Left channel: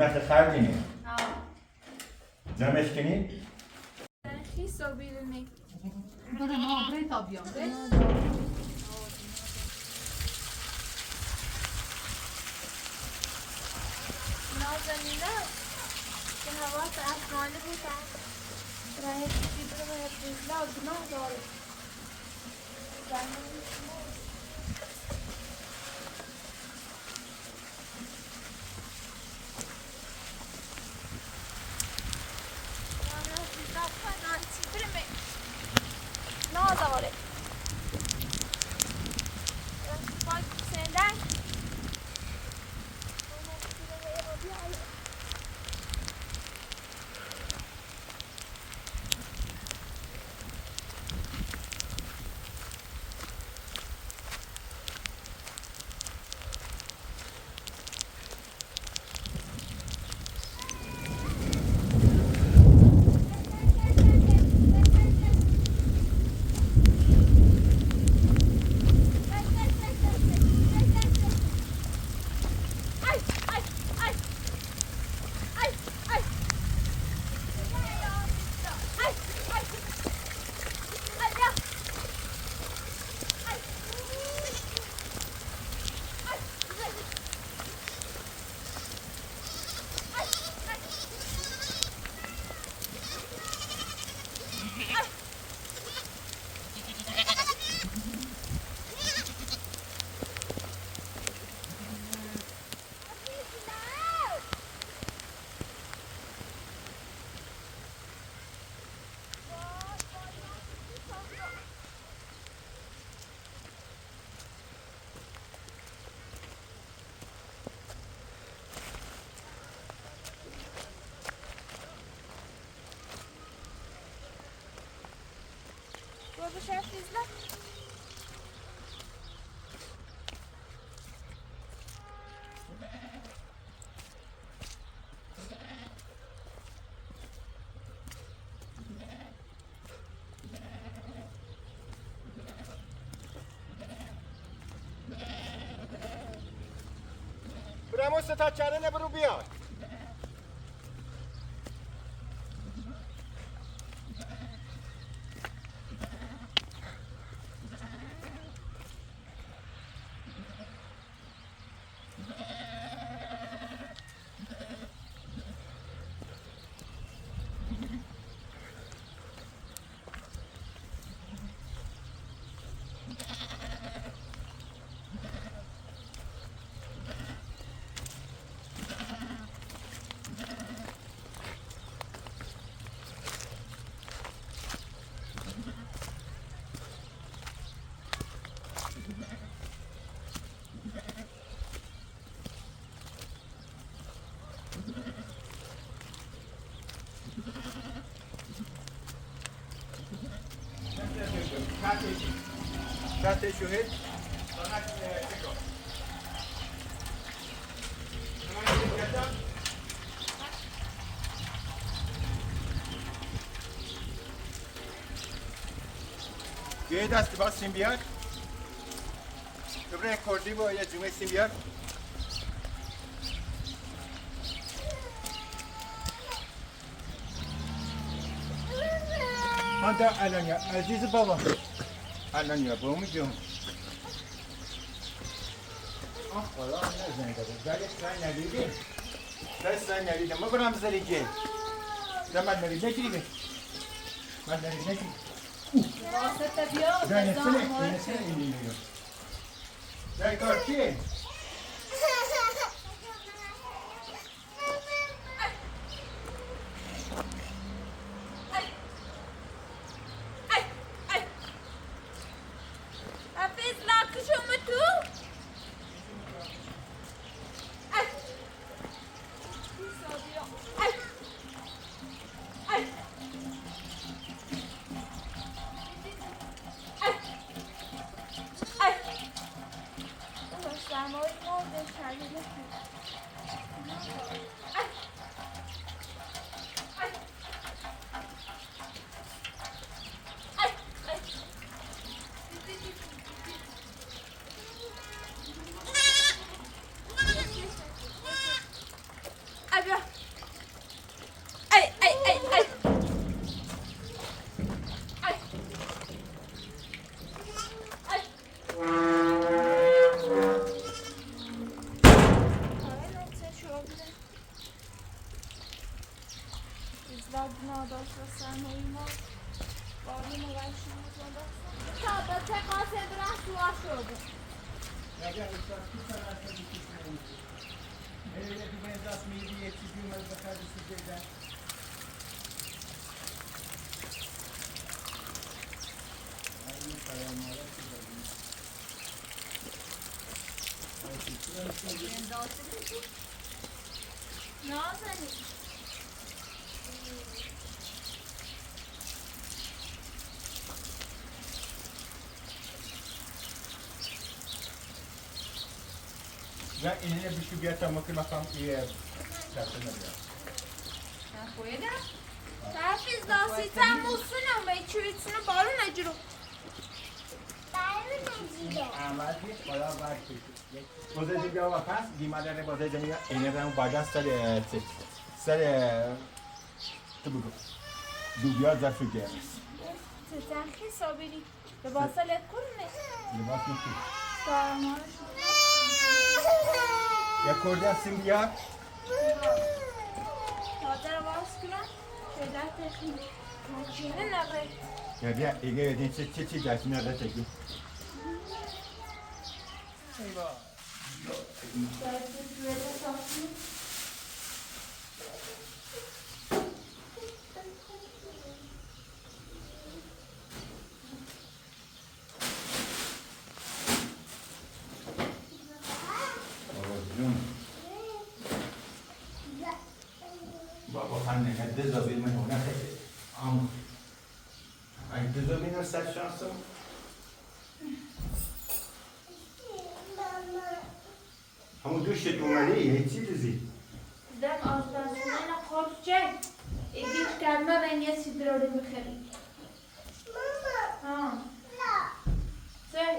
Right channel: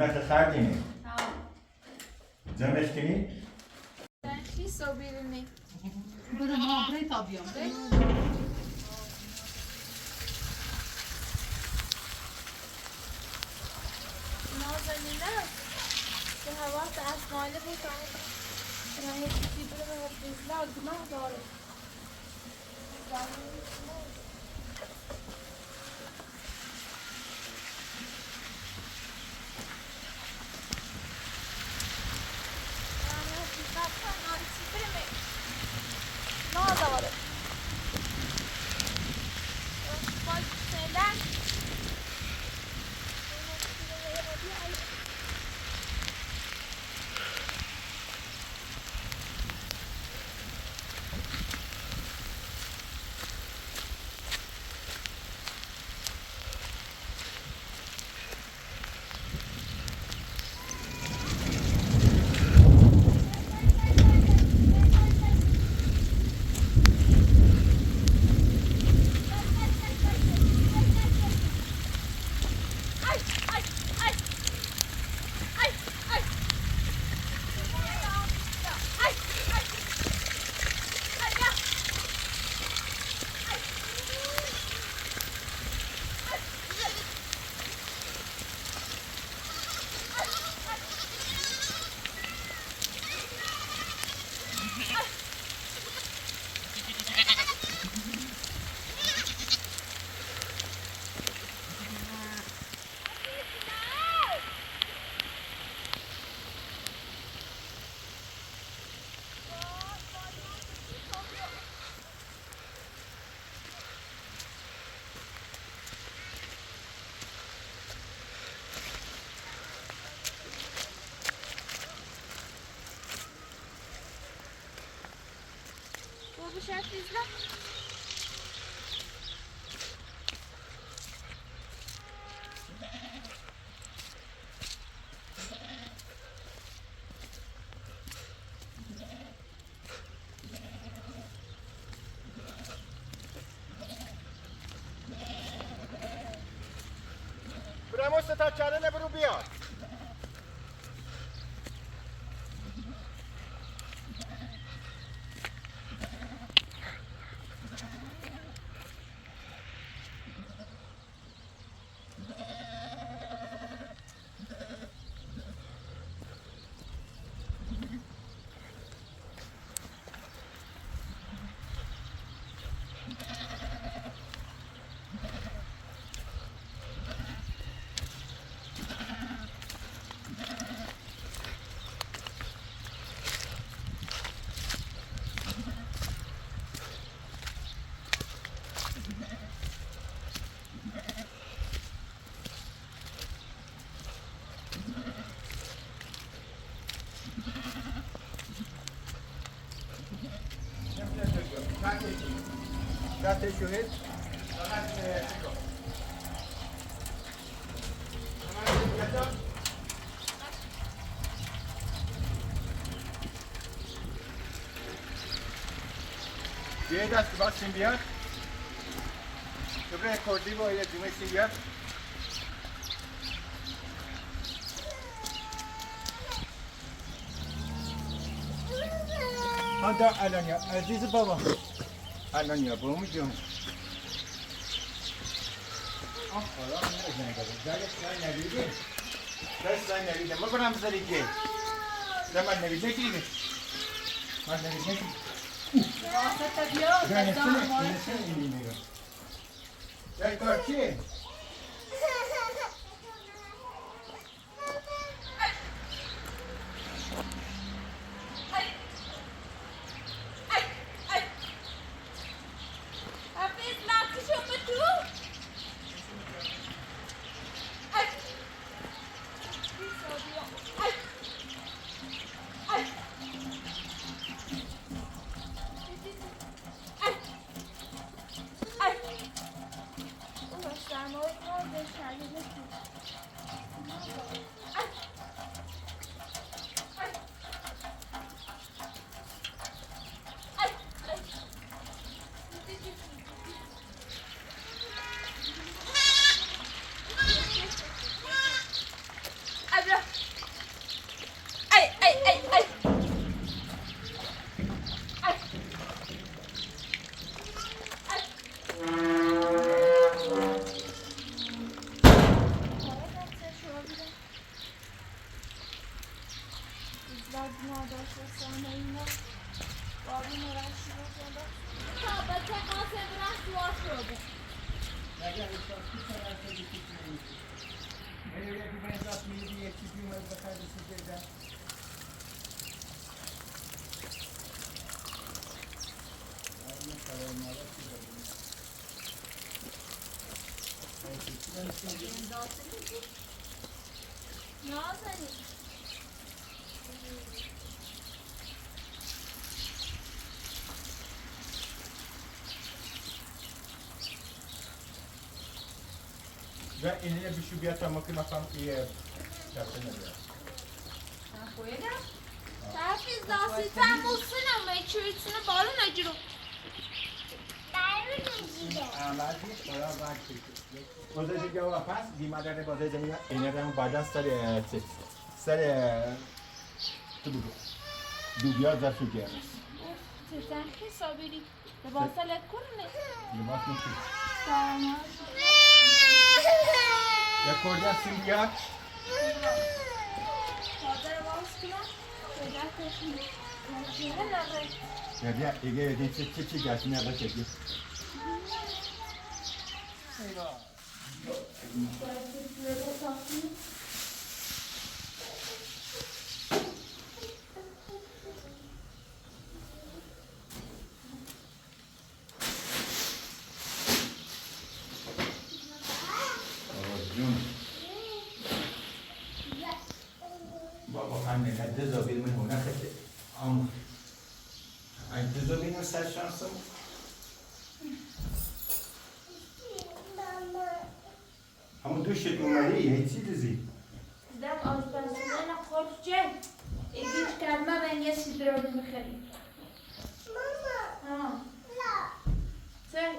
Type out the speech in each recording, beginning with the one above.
Bunlar sardini. Zamestini. She's so beautiful. Burada muhabbet yapıyorum. نازنینه که حواس افغانه بودم راه چیزی برو باید بزلا گناه داره زنانی شما نه داره سندن Hafiz برامو ستا چاره نبرو بیاد. شاته شوهد فقط تکو یه دست باز سیم بیار دوباره کردی با یه جمعه سیم بیار هنده الان یا عزیز بابا الان یا بابا جون خدا نزنه گذاره دلش رای ندیده دست رای ندیده ما برم بذاری جه من ندیده کلیده من ندیده کلیده واسطه بیاد اینسه اینی میگم در کار چیه؟ ودنا داشت و سنه اینا بارون رشی بوده تا به تقاس برن سوا شده اگر احساس کنم از این چیزی نمیشه یه دو بنزاس میدی یه چیزی اومد بخرد سود بگذن این فرای مالا چی داریم نازنی و این هنه بشو بیاد تا ممکن مفهم یه دسته نبید Hafiz nasıl sen bulsun ama içerisine balon acırım. آمدی خدا باید کشید بازه بیا و پس دیما داره بازه زنی اینه رنگ بعدا سر تو بگو دوبیا زفشو گرس Sen sabiri. Lebasa let kurne. لباس نشید Tamam. یا کردن سیلیا Tazer vas kılan. Şöyle taşın. Maçını ne var? یا بیا ایگه بدین چی دستی نده چکی بابا خانه نده زابید من هونه خیلی انتظار بینو سر شانسو همون دوشت اومده یه چی دیزی Sizden ağızdansınlarına korkacak. İlginç gelme ben ya sizlere öyle bakayım. Mama. Sen.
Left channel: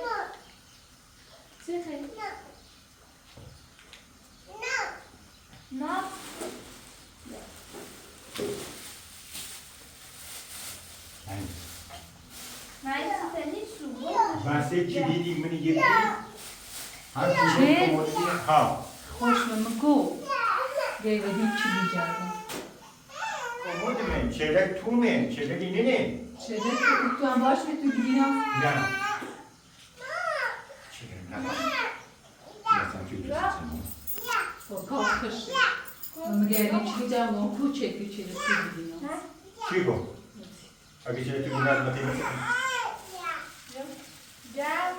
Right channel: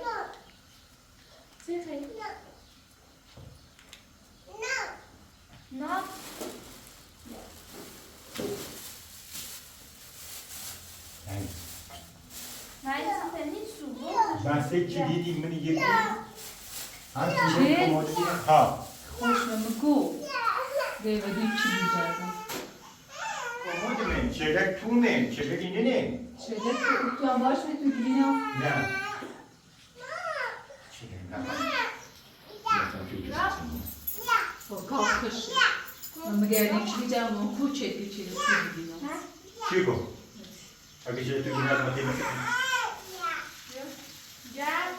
Sen. No. Neyse sen hiç su bu. Ben size çi دیدی منی یه هر چیزی کمدی ها خوش بگو گیودی چی بیجاردم کمد من چلک تو من چلک اینه نه شده تو هم باش می تو بگینا نه چلک نه یاسم توی با کافش من مگردی چی بیجاردم اون کوچه دی چی رسی بگینا چی کن اگه چلک تو گینا از مطیع مثل Gel.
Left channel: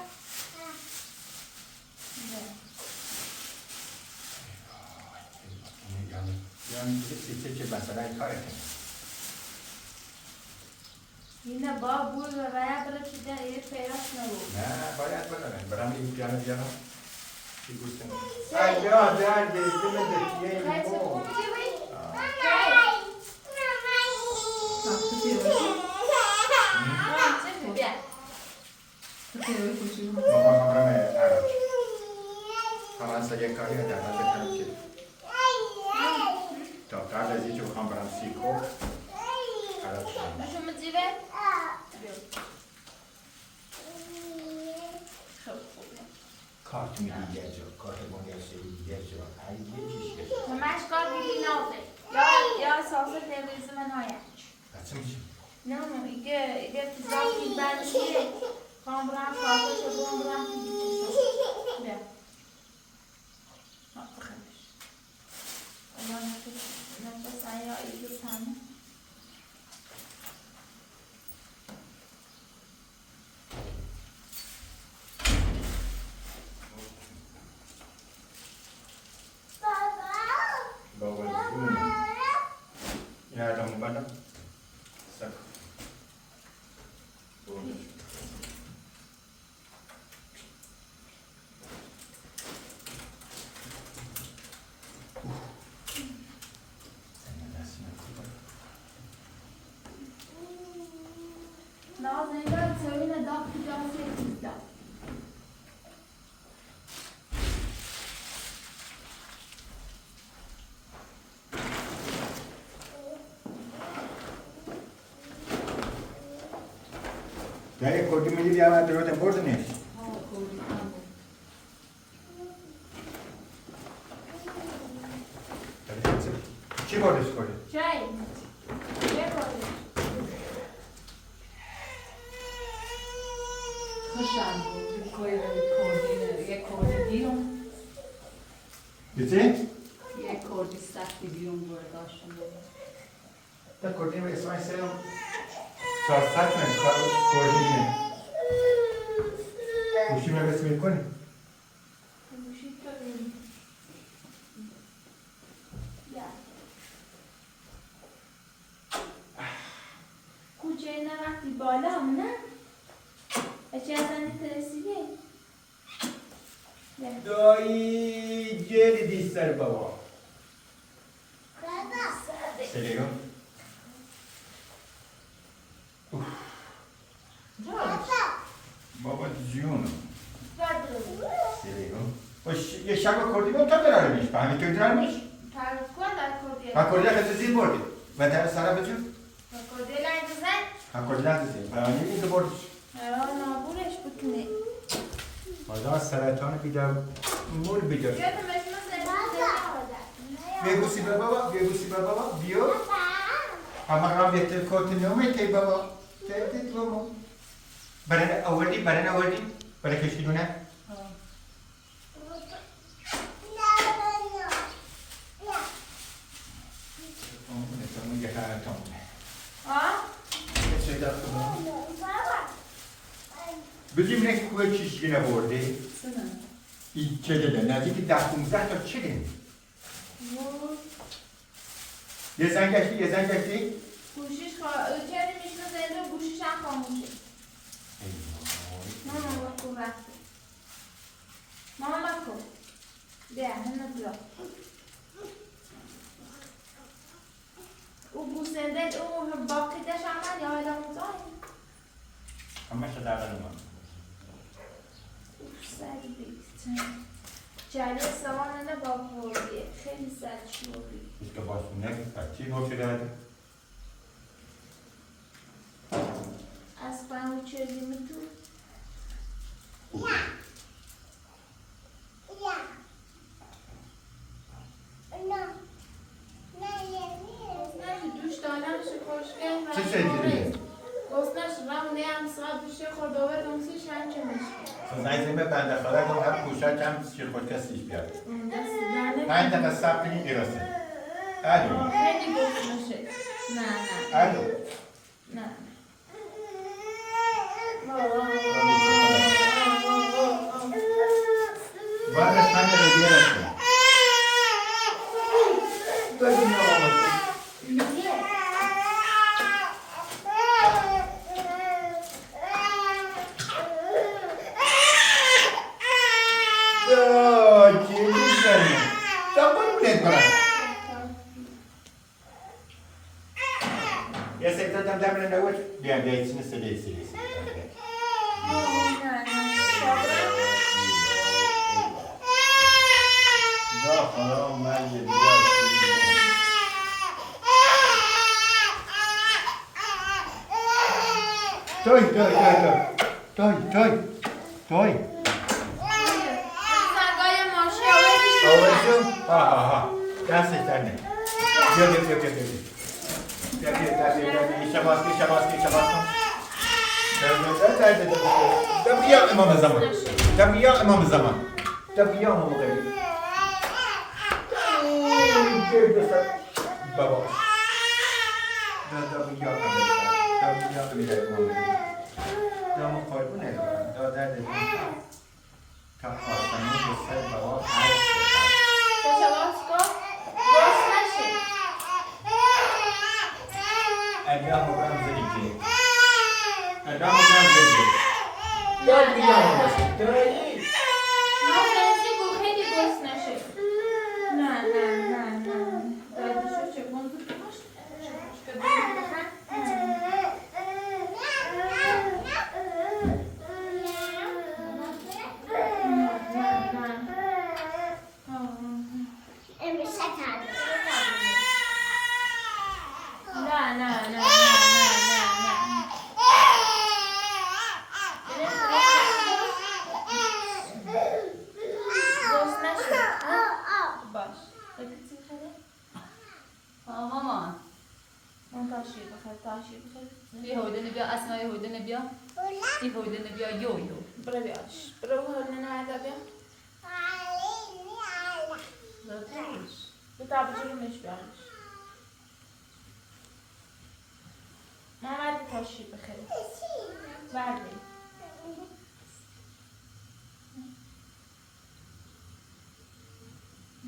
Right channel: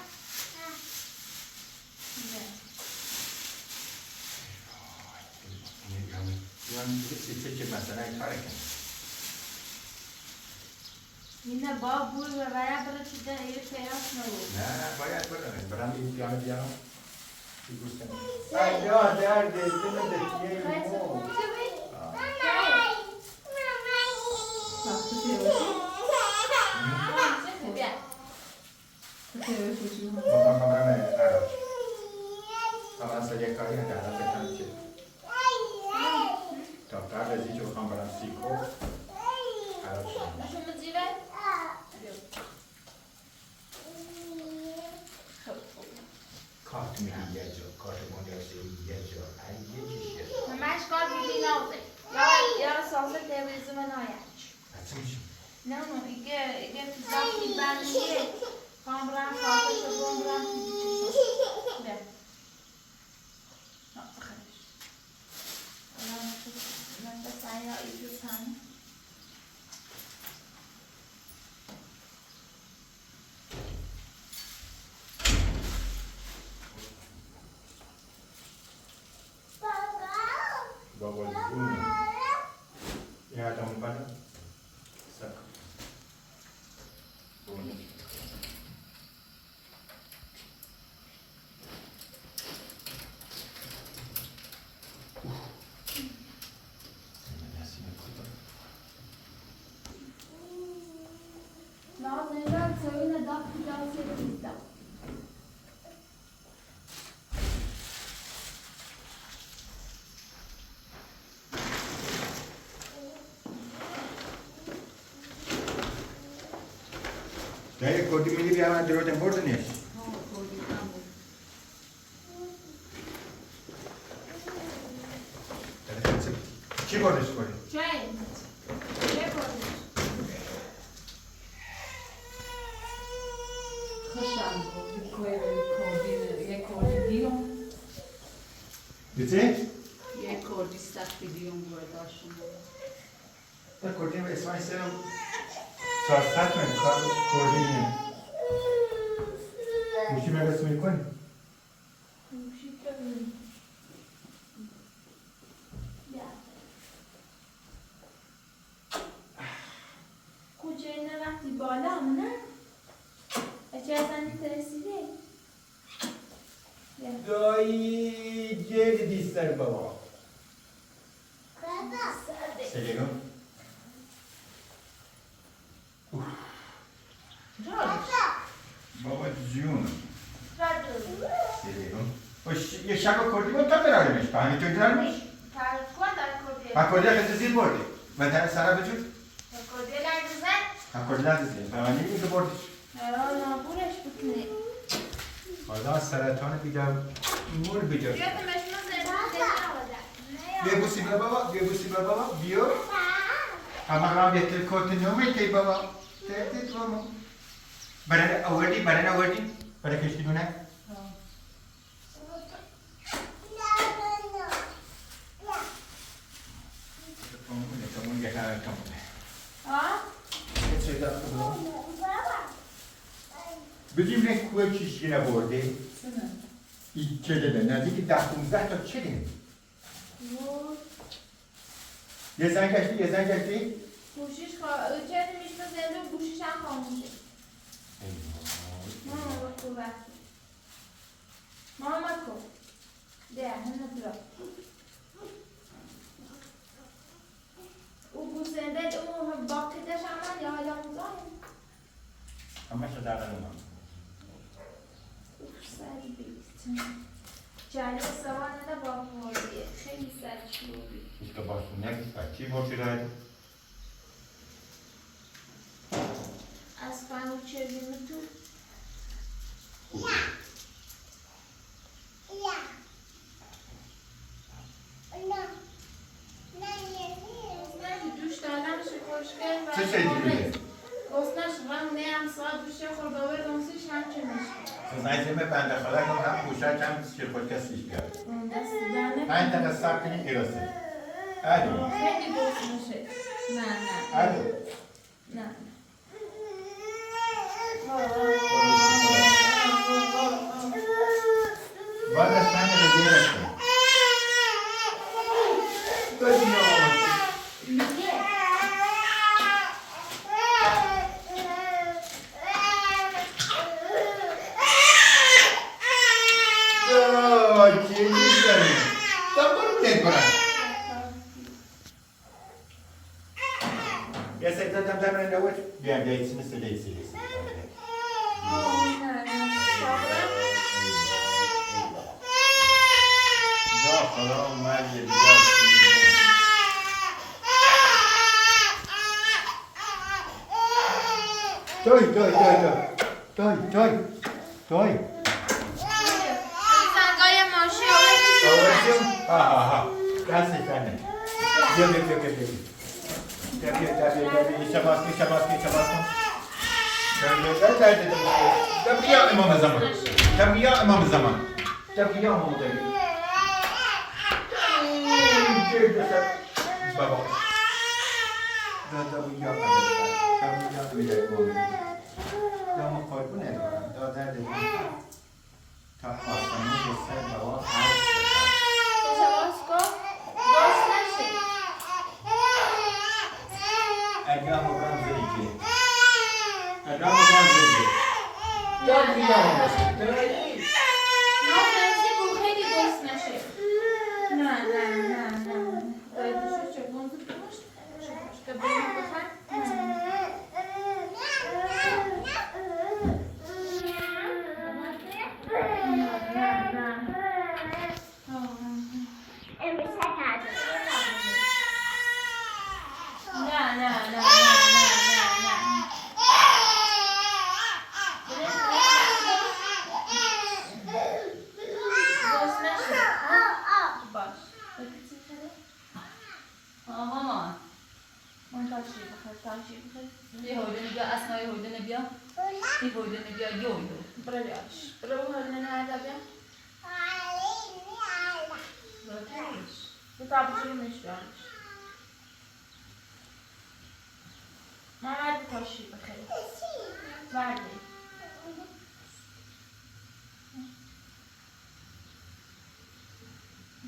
yani چه مثلا این کاره کنه Yine baba bu ve veya böyle çizden iyi feras mı bu? نه باید برم برم یه پیانو بیارم چی گوشتم یا درد دل دکیه Neyse مو kum gibi. tatlı seviyor Tamam şimdi gel. seviyor koşuyor بابا همرم عراق فرانسه یک کاری هم درمان بکنم چی تا قبل از اینکه بخوام برم سیکو عراق شدم Şu mu zive? کارت میدی یه جا کارت مالیاشی یه جا ای یه چیش یه جا Hemen çıkar bir bina oldu. Ya salsa temizliği ve nayaç. بچه میشیم Não, ige tizak bir ben diye. Kambran salsa şabon bran tizi. Ne? Nasıl karış? Nefes ayra iki tane. بابا جون این هر دامو بندم سک بونده Nazlı'yla söyle dak güzel sevgilizler. Gel kodu milli bir yalan diyordan burada ne? Kim orada skoru? Çay. خوشم بود یک کردی دیون بیتی؟ یک کردی سختی دیون بود داشتم تا کردیم اسمش سرم 400 من کردیم گوشی من بس میکنی؟ کوچه نه وقتی بالا هم نه اچه از انی ترسیده دایی جری دیستر بابا سریگم بابا جون سریگم یه شکا کردیم هم تا برارمش به همین توی درمش ها کردی که زیر بردی و در سرا بجور ها کردی لحظه به من نمیده بردیش نابورش بکنه حالا سرطان بیدار مول بیدار بگوسی به بابا بگوسی به بابا بیو اما را بهتر کت نیومه تی بابا تی تو بابا برای آوردی برای کشتی دونه تمونه یه کار تمونه بگیم نه کوه چیزی نبرده این چه داده نزدیک 10-15 تا چه داده یه زن گشتی گوشیش چه میشنه زنده و گوشیش هم خاموشه ماما بکن وقتی ماما بکن ده همه برا او گوسنده او باقیدش عمل یا حالا مزایم همه شده اول اومد سری بیتن جلی سوانه با خوردی خیلی سری شلوبی که باشونه بچی باشه داری از فهمو چریم تو دوش دادمش خوشگل و چه شدیده؟ گفتنش رمونه هم ساعت دوشه خورده و دمسیش هم که میشه نایزیم بنده خدا کنم هم پوشک هم که خود کسیش بیاد دست دانه 5 دقیقه صبر کنیم گراسته علی خیلی گفتنشه نه علی نه بعدش من رو گراسته بگیم یا آمد Ya saya tetap dalam dawat biar dia sini sedih. Dah haram mali dia. Toy. Ha. Dah setan. Dia. İşe baskı. Tabiya imam zaman. Tabiya imam zaman. Baba. Tabiya imam. Kamu koy bu ne? Daha da ta aslında bu say baba her Adam bukan sedikit. Tabiya imam. من تاشی بخیر یه هویده نبیا اسما یه هویده نبیا یه هویده نبیا یو برو بیاش برو هل نه بیا برش تو تابجیمش بیامش محمد تاشی بخیر بردی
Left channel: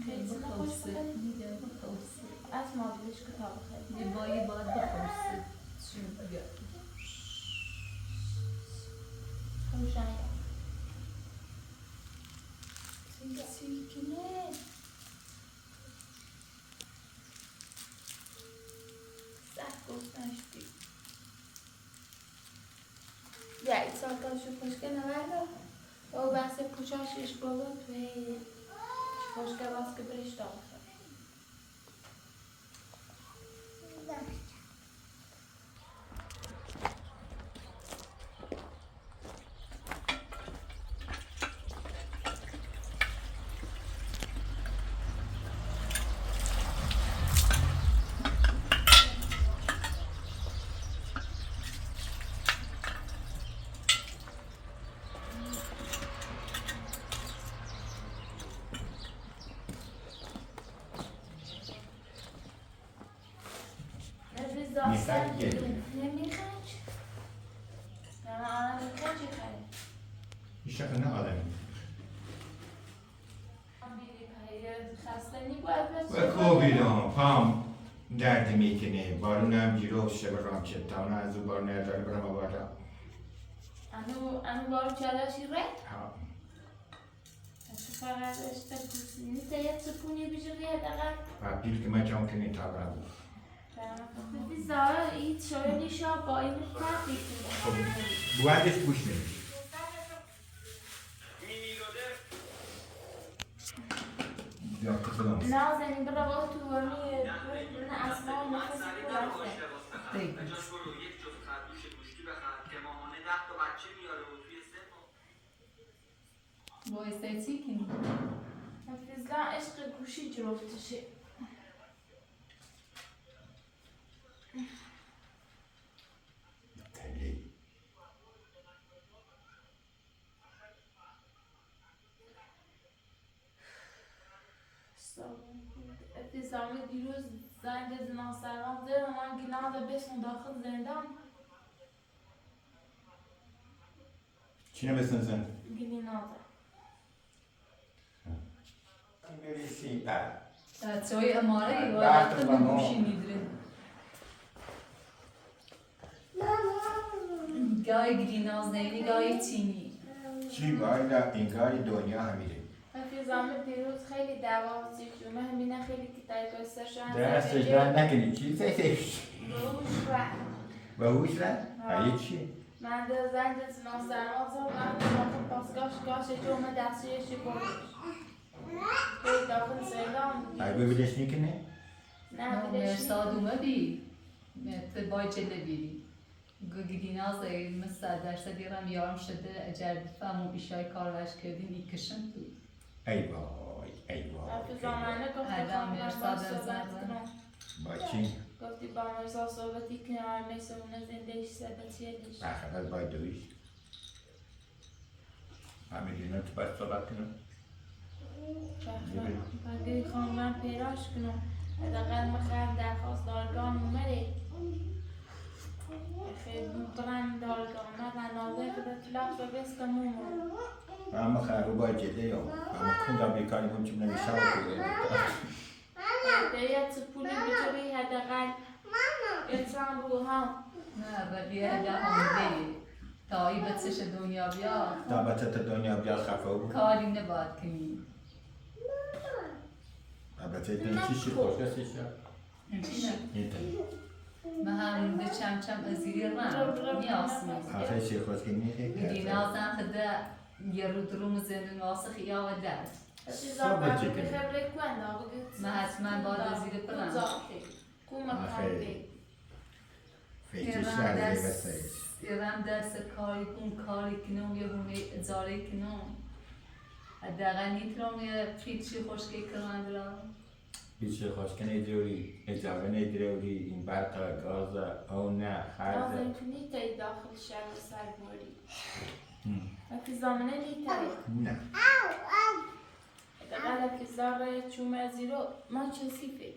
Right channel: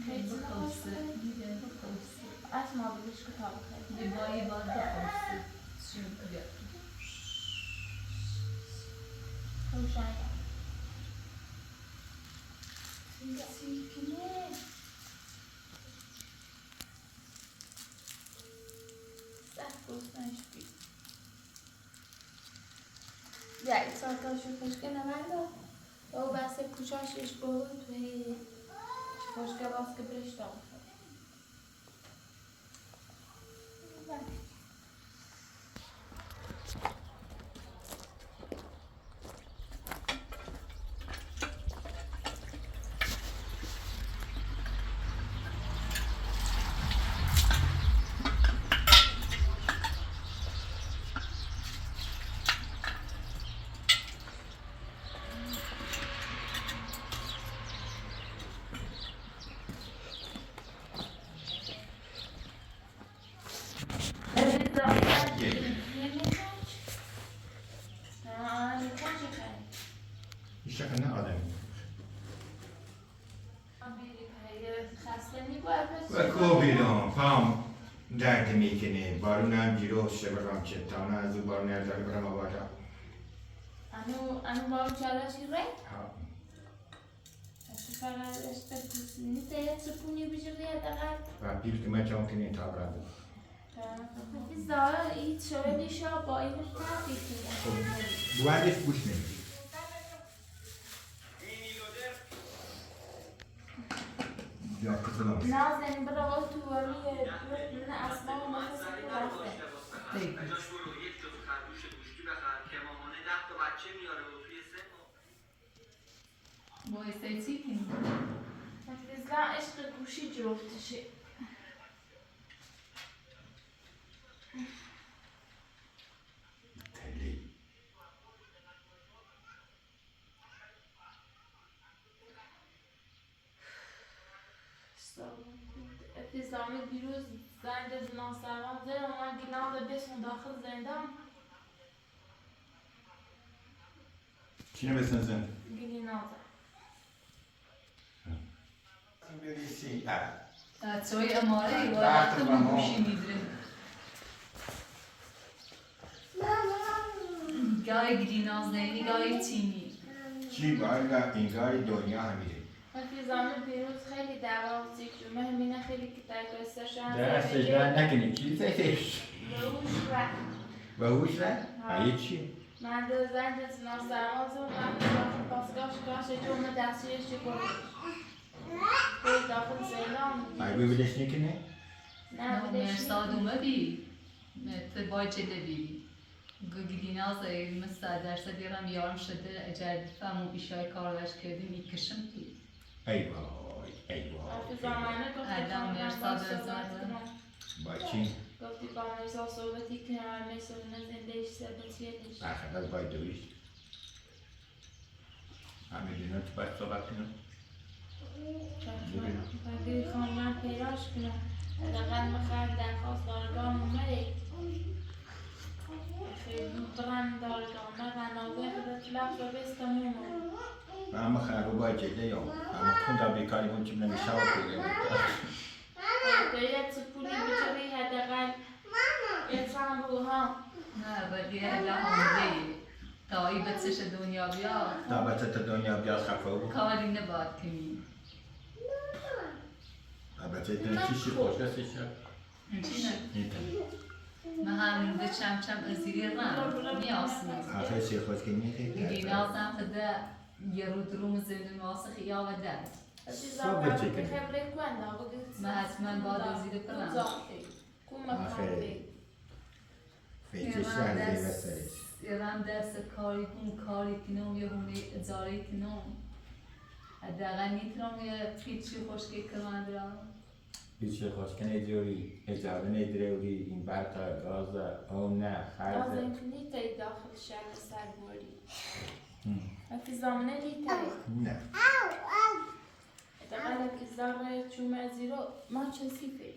بخوصه میده بخوصه اسما بیش کتاب بخیر یه بایی باید بخوصه چون بیا خوشنگ سیکنه سخت گفتنشتی یا این ساعتاشو خوشگه نورده او بحث کوچاشش بابا توی خوشگه باز که بریش دام ایشا نه آدمی و کوبیدم پام درد میکنه بارونم جیرو شبرام چتانه از او بارون نداره برم آبادا انو بارو چالشی ره؟ ها اتفاقا اشتر کسی نیست یه سکونی بجده دقیق و پیل که من چون کنی تا برم خیلی زاره این شده نیشا با این فرق میکنه بوادش بوش میدی نازنین برای تو ولی من اسما و نفس بگو وایسای چی کنی؟ حفظلا عشق گوشی جفتشه حفظلامی دیروز زنگ زنان سروان زیر من گناه ده بسم داخل زندان چی نمیسن زن؟ گناه ده بریسی بچه‌های اماره ای وقت گوشی میدره گای گرینازنینی گای چینی چی باید اینگاری دنیا همیده حفظلامی دیروز خیلی دعوا زیجو مهمینه خیلی که تایگستر شدن دستش در نکنی چی زیش؟ بروش و باهوش رد؟ هایی چی؟ من در زنگ زنان سروان زیر من بسیار پاسگاش گاش جمعه دستیش بروش خیلی داخل زندان هایی ببیدش نکنه؟ نه مرساد اومدی باید جده بیری گریناز مثل درصد یارم یارم شده اجر فهمو ایشای کارش کردیم ای کشم توی ای وای ای وای حافظانه گفتی خواندم با صحبت کنم با چی؟ گفتی با مرزا صحبتی کنم میسونه زنده ایش ثبتیه دیش اخواد باید دویش همین دینا تو باید صحبت کنم بگی خواندم پیراش کنم حداقل میخوایم درخواست دارگاه اومده خیلی برند دارگاه من رنازه خودت لفظ و بستم اومد اما خیلی باید جده یا اما کوندا بیکاری من چون نمیشه و باید پولی بچری حداقل انسان بگو ها نه ولی هده همونه تا ای بچش دنیا بیاد تا بچه دنیا بیاد خفه بود کاری نباید کنی بچه دنیا چی خوش کسی شد؟ چی نه؟ این تا من همونده چم ازیری رم میاسمیم آخه چی خوش که میخید گرینازم خدا یه رو دروم زندون واسه خیال و درد صبح چی کنی؟ من حتما باید ازیره کنم آخه فکرش لحظه بسرش یادم دست کاری کنم یه همه اجاره کنم حداقل میتونم یه فیلچی خوشگی کنم برام هیچ خوشکن ادروری اجاره ندروری این برق گاز او نه خرج لازم کنی تایی داخل شهر سر بوری وقتی زامنه لیتایی نه اگر که زاره چومه زیرو ما چسی فی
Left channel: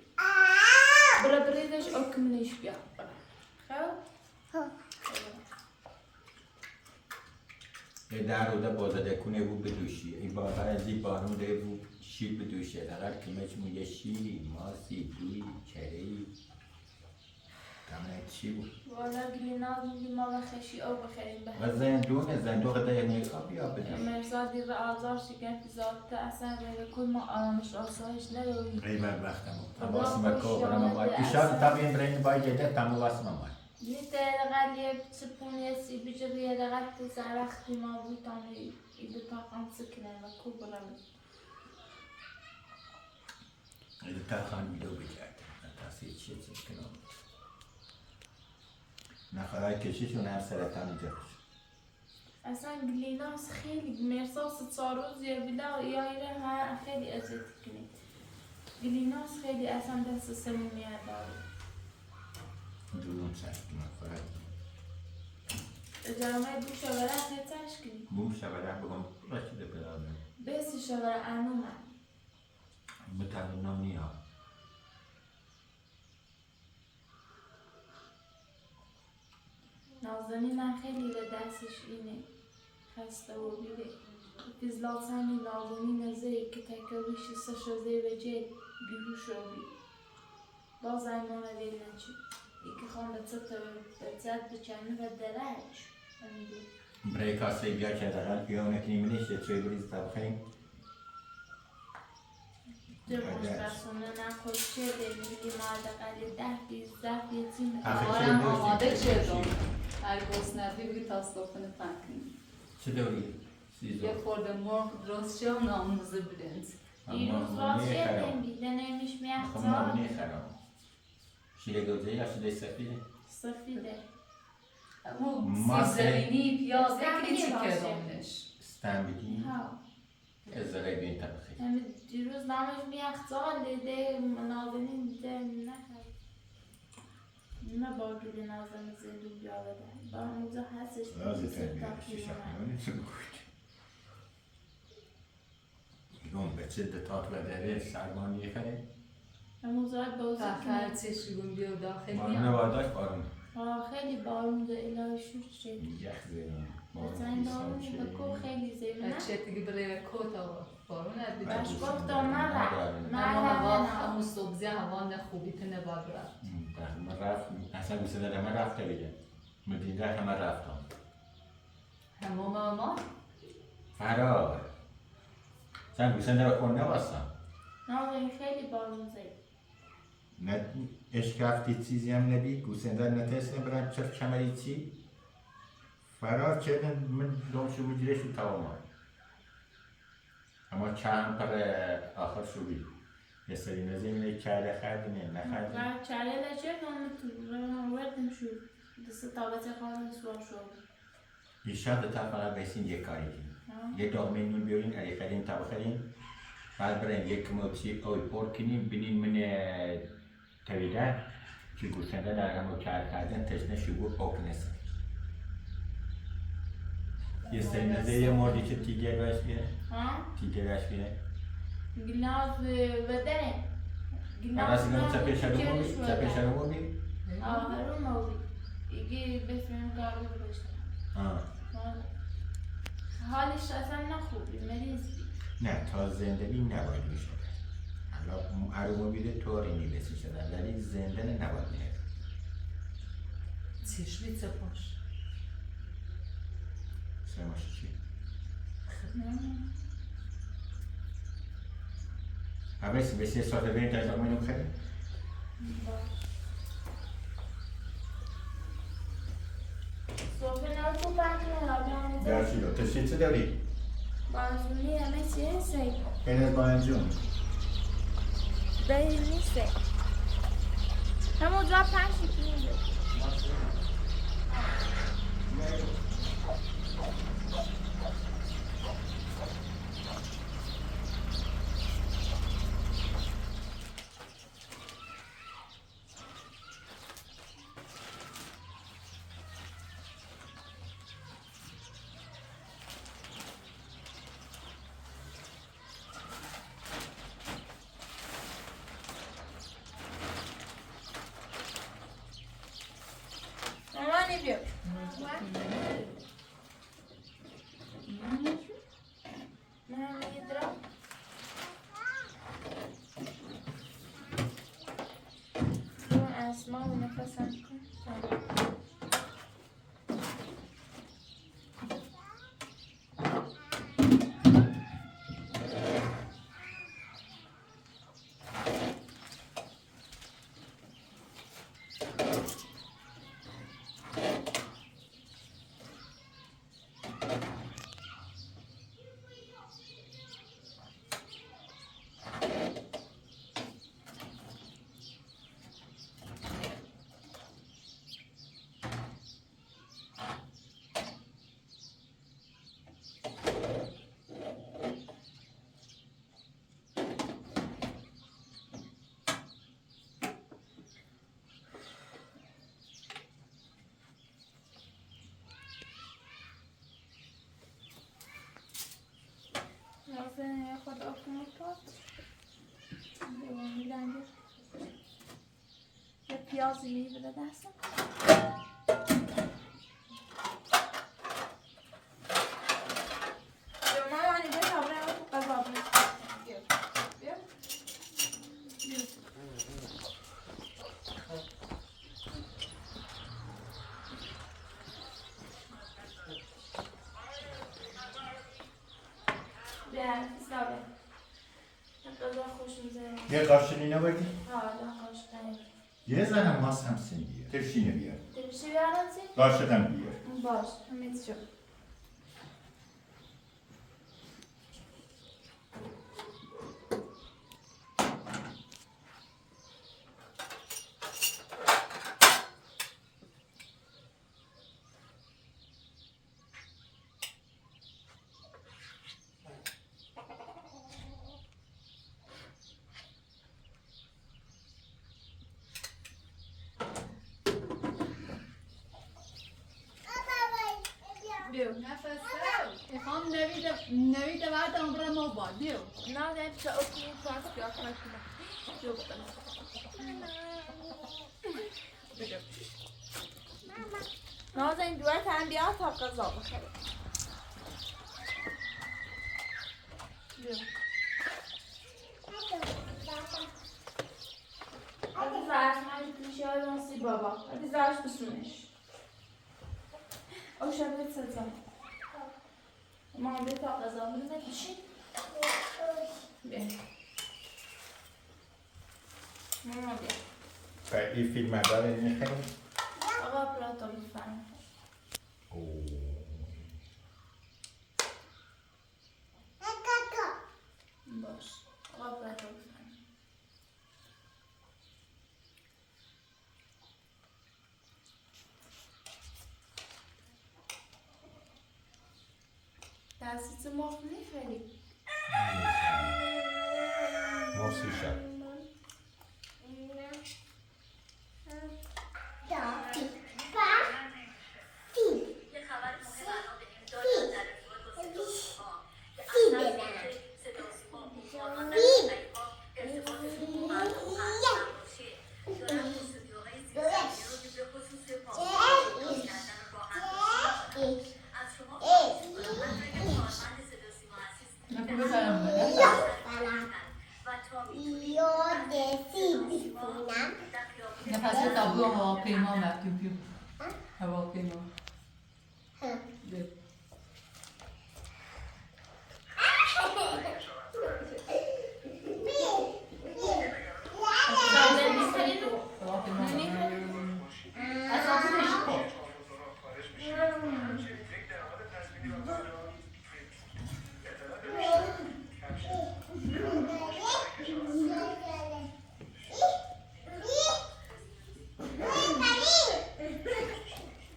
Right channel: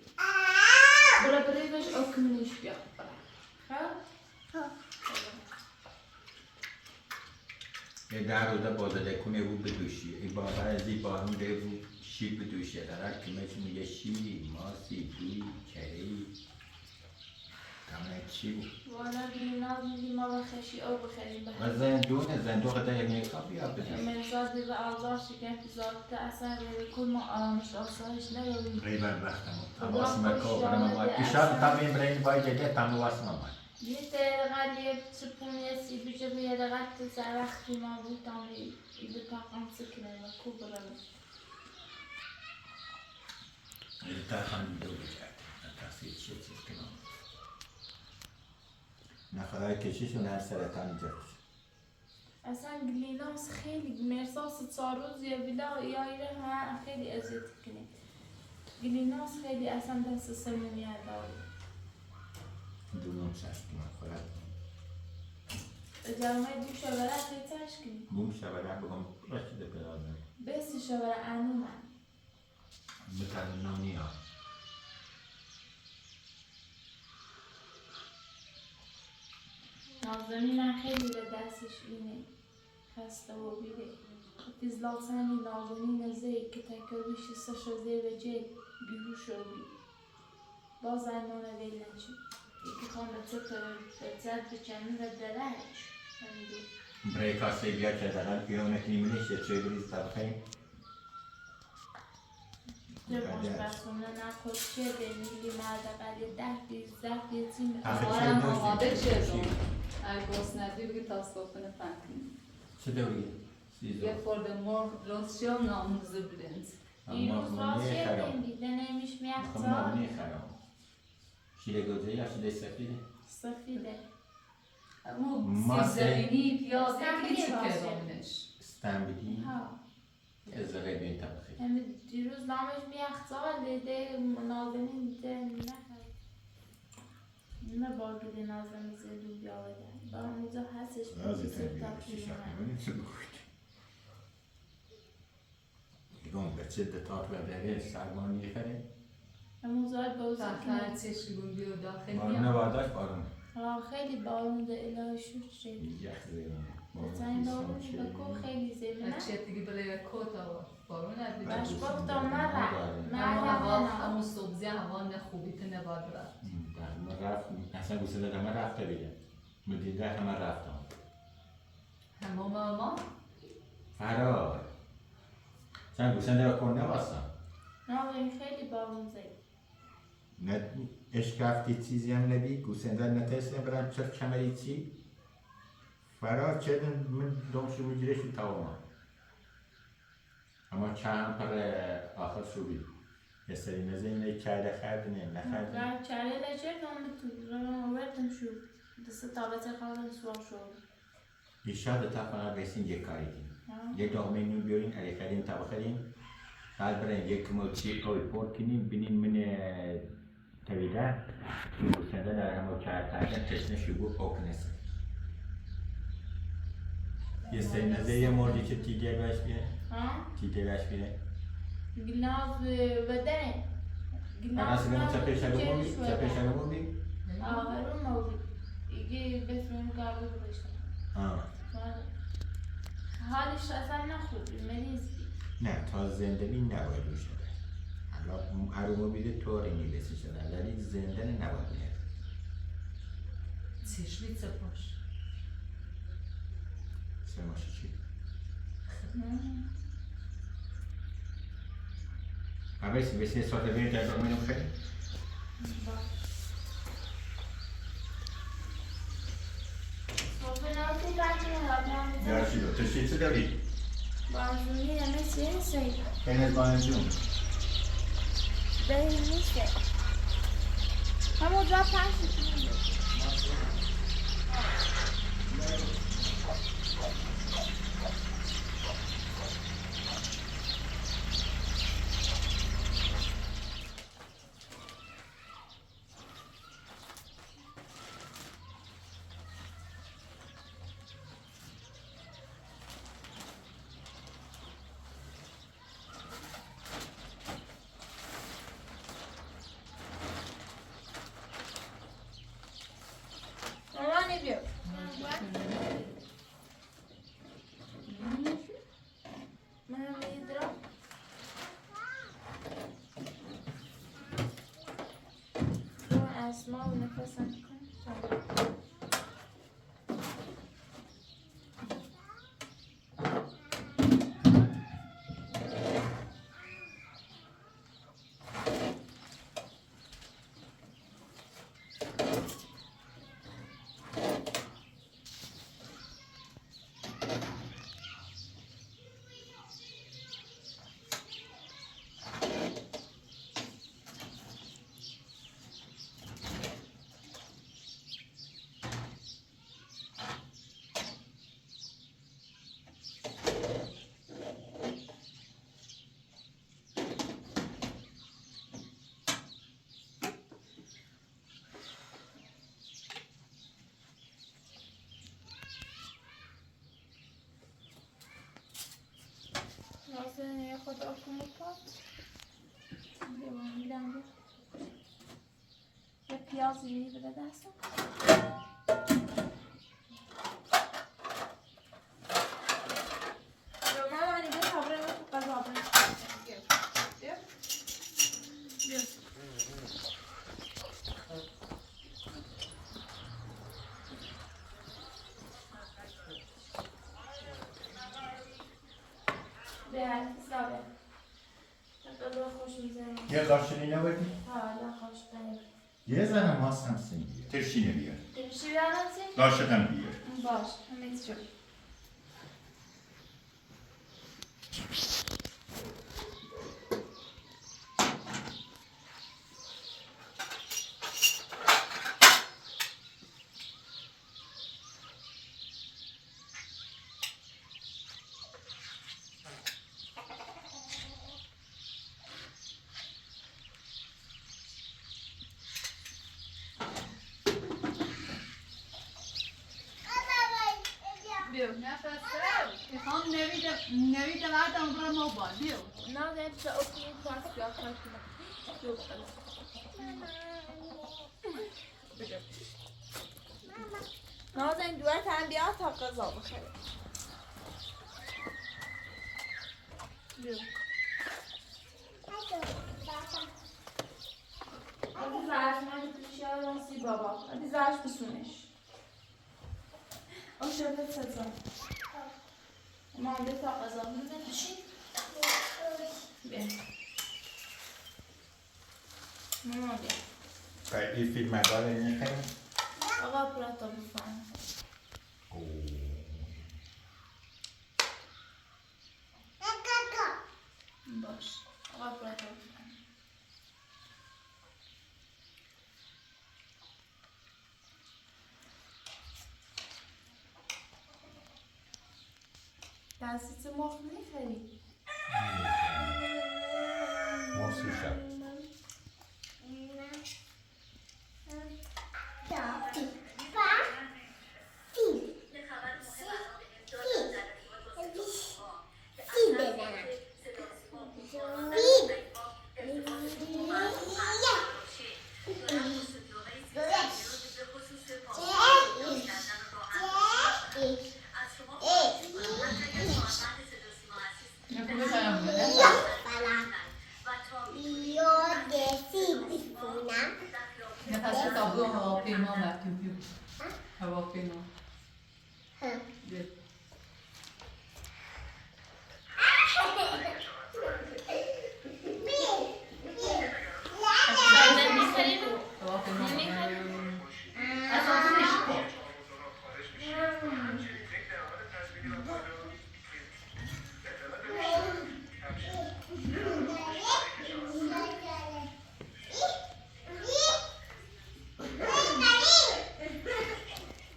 برا بریدش او کمینش بیا خب؟ یه در رو ده بازده کنه رو بدوشی این باور از این بارون ده رو شیر بدوشه در کمش میگه شیری ماسی گوی کری کمه چی بود والا گلیناز میگی ما بخشی او بخشیم و زندوق ده امریکا بیا بدیم مرزادی و آزار شکن پیزاد که اصلا روی کل ما آرامش آسایش نداریم غیبت وقتم تماس مکو برم آمد ایشان تامین برین باید ده تامو واسم آمد یه دقیقه چپونی سی بیچه به یه دقیقه سر وقتی ما بود تامی ایده تاقم سکنه و کو برم ایده تاقم دو بجرد نتاسی چیز کنم نخواهی کشیشون هر سرطانی جرش اصلا گلیناس خیلی مرساس ساروزیه بلا یا ایره ها خیلی ازت کنید گلیناس خیلی اصلا دست سمومیه داره دونم سشتیم خواهد جرمه دو شوره سیتش کنید بوم شبره بگم باشیده برادر بسی شوره انو من متنم نیا نازنینم خیلی به دستش اینه خسته و بیره تیزلاتانی نازنین زی که تکاویش سشو زی و جد بیهوش و بی باز ایمانه ویل نچی ایکی خان به زد بچنی و درش برای کاسه بیا که دارن پیونه کنیمونیش یه چوی بریز طبخیم درماش برسونه نکش چه میگی مادقلی 10 تیم آرام آماده شدم ارگوس ندی بگی تا صوفن فکرین چه دوری؟ یه خورده مرغ درست شد ناموزه برنز دیروز راست شدیم دیده نمیش خب میختا مامونی خرام شیله گوزه یا شیله سفیده؟ سفیده اما سیزرینی پیاز نکلی چی کردمش استنبیدی؟ ها از ذره بین طبخی دیروز نامش میختا دیده نازنین دیده نخواد نه باگیده نازنین زیدو بیاوده با موزه هستش لازم تنبیه شیشه خیمونی چه گوید میگم بچه دتات و داره سربانی خره موزه بوزه بخیر چشم بیو داخل بارون میام باداش بارون خیلی بارون ده الهی شد شد یخ زیرون بزن بارون بکو خیلی زیبه بچه دیگه برای کتا بارون ندید باش گفتم مرد هوا همون صبحزه هوا خوبیت نباد رفت من رفت اصلا گوشه دادم من رفته بگم مدیده همه رفتم همه ما فرار sen گوشه داره کنه واسم نه این خیلی بارون زید نه عشق رفتی چیزی هم نبی گوشه داره نتیسته برن چرا کمری چی فرار چه من دومشو میگیره شو تمام اما چند پر آخر شو بی یه سری نزمینه کرده خردنه نخردنه نه چاره لچه نام وردم شو دست تابت خواهد سوار شد ایشان دو تا فقط بسین یک کاری کنیم یه داغمه نون بیارین علی خرین تابا خرین بعد برین یک موچی اوی پر کنیم بینین من تویده که گوشنده در همه کردن تشنه شبو اوکنسه یه سری نزه یه مردی که تیگر باش بیره تیگر باش بیره گلاس بدنه اما سیگم چپه شروع بی آره موبی ایگه بسمیم کارو بشتم حالش اصلا نخوبی مریض بی نه تا زنده بی نباید میشه حالا عرومو بیده طوری نیبسی شدن ولی زنده نباید میره چشمی چپاش سرماشی چی؟ قبیسی بسی ساعت برین تا دارمونو خیلی؟ باش صبح ناتو بکنه درستی با تشتی چه داری؟ بازونی همه چیه سی خیلی از بانجون دهی نیسته همون جا پنج کنید اسمع ونفسك طيب. لازم ياخد أكمطات دیوانیدن یه پیازی میبره دستم مامانی بیا تابره رو تو قضا بیا حسابه خدا خوش میزنی یه قاشقی نبودی؟ آره خوش کنی یه زنم هستم سن بیار ترشینه بیار ترشی بیارم چی؟ قاشقم بیار باش همه چی نفسه میخوام نوید بعدم برای ما با بیو نه ده تو اکنون پاس بیا کار کنم جو کنم نازه این دوره تن بیا تا قضا بخره بیو hadi زرش من پیشی های رانسی بابا hadi زرش بسونش او شبه سزا ما بیا تا قضا بخره بشین بیا ماما بیا این فیلم برای این خیلی آقا پراتو بفرم باش آقا پراتو بفرم دستیت مخ میخوری موسی شد نفس تابو هواپیما مکتوب بیو هواپیما بیو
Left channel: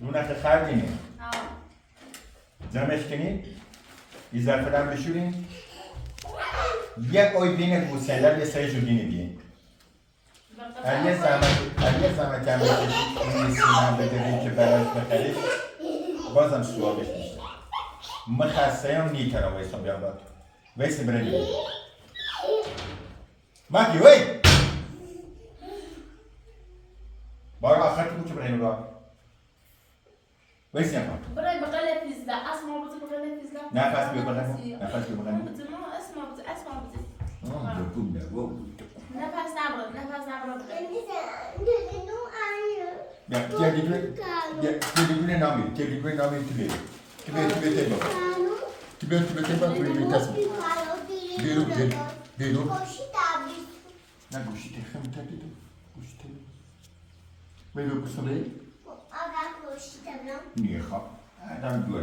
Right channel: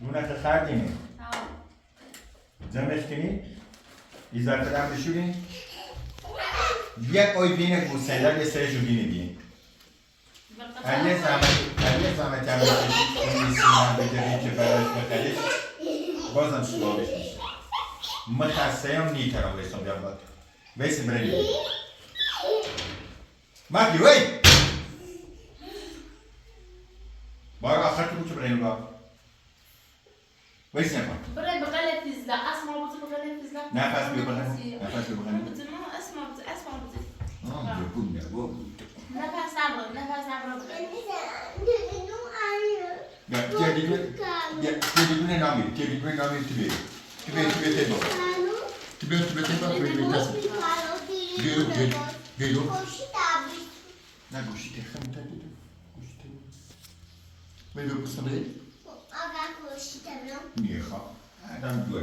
اون خردینه جمعش کنی ایزارت دم بشورین یک اوی بینه گوسنده یه سری جودینه بین اگه زمت هم بشید این سیمان بدهید که براش بخرید بازم سوالش میشه مخصه هم نیتر هم ویستم بیام باید ویستم برنید مکی وی باید آخرتی بود که برنید باید ویستم باید برای بغل پیزده اسمع بوزی بغل پیزده نفس بیو بغل نفس بیو بغل اسمع بوزی آه بگو نه نفس نبرد بغل تیدونه نامی تیلی تیبه بابا تیبه بابا بیرو نه گوشی تخم تدیدو گوشی تخم بیرو بسنه میخوام آدم دوی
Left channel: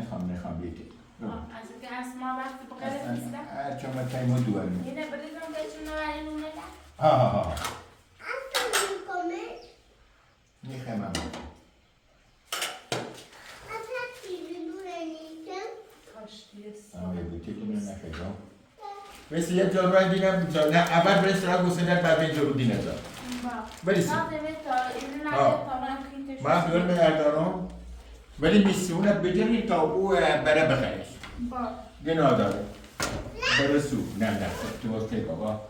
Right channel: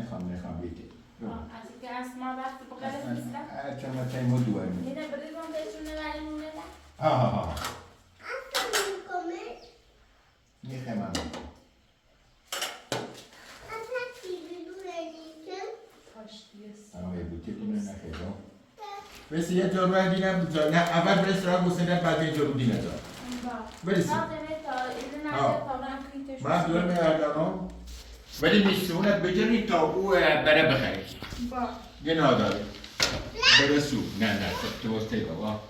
نخوام بیتی از که اسما وقتی بقیه نیستم چون تایمو دوی یه نبریزم بهتون نوریم نه ها میخوام آره بوتی که من نخیرم بس یه جارو دیگه نه اول برس را گوسنه بعد یه جارو دیگه جا برسی ما خیلی میاردانم ولی میسونه بدونی تا او بره بخریش یه ناداره برسو نه تو وقتی بابا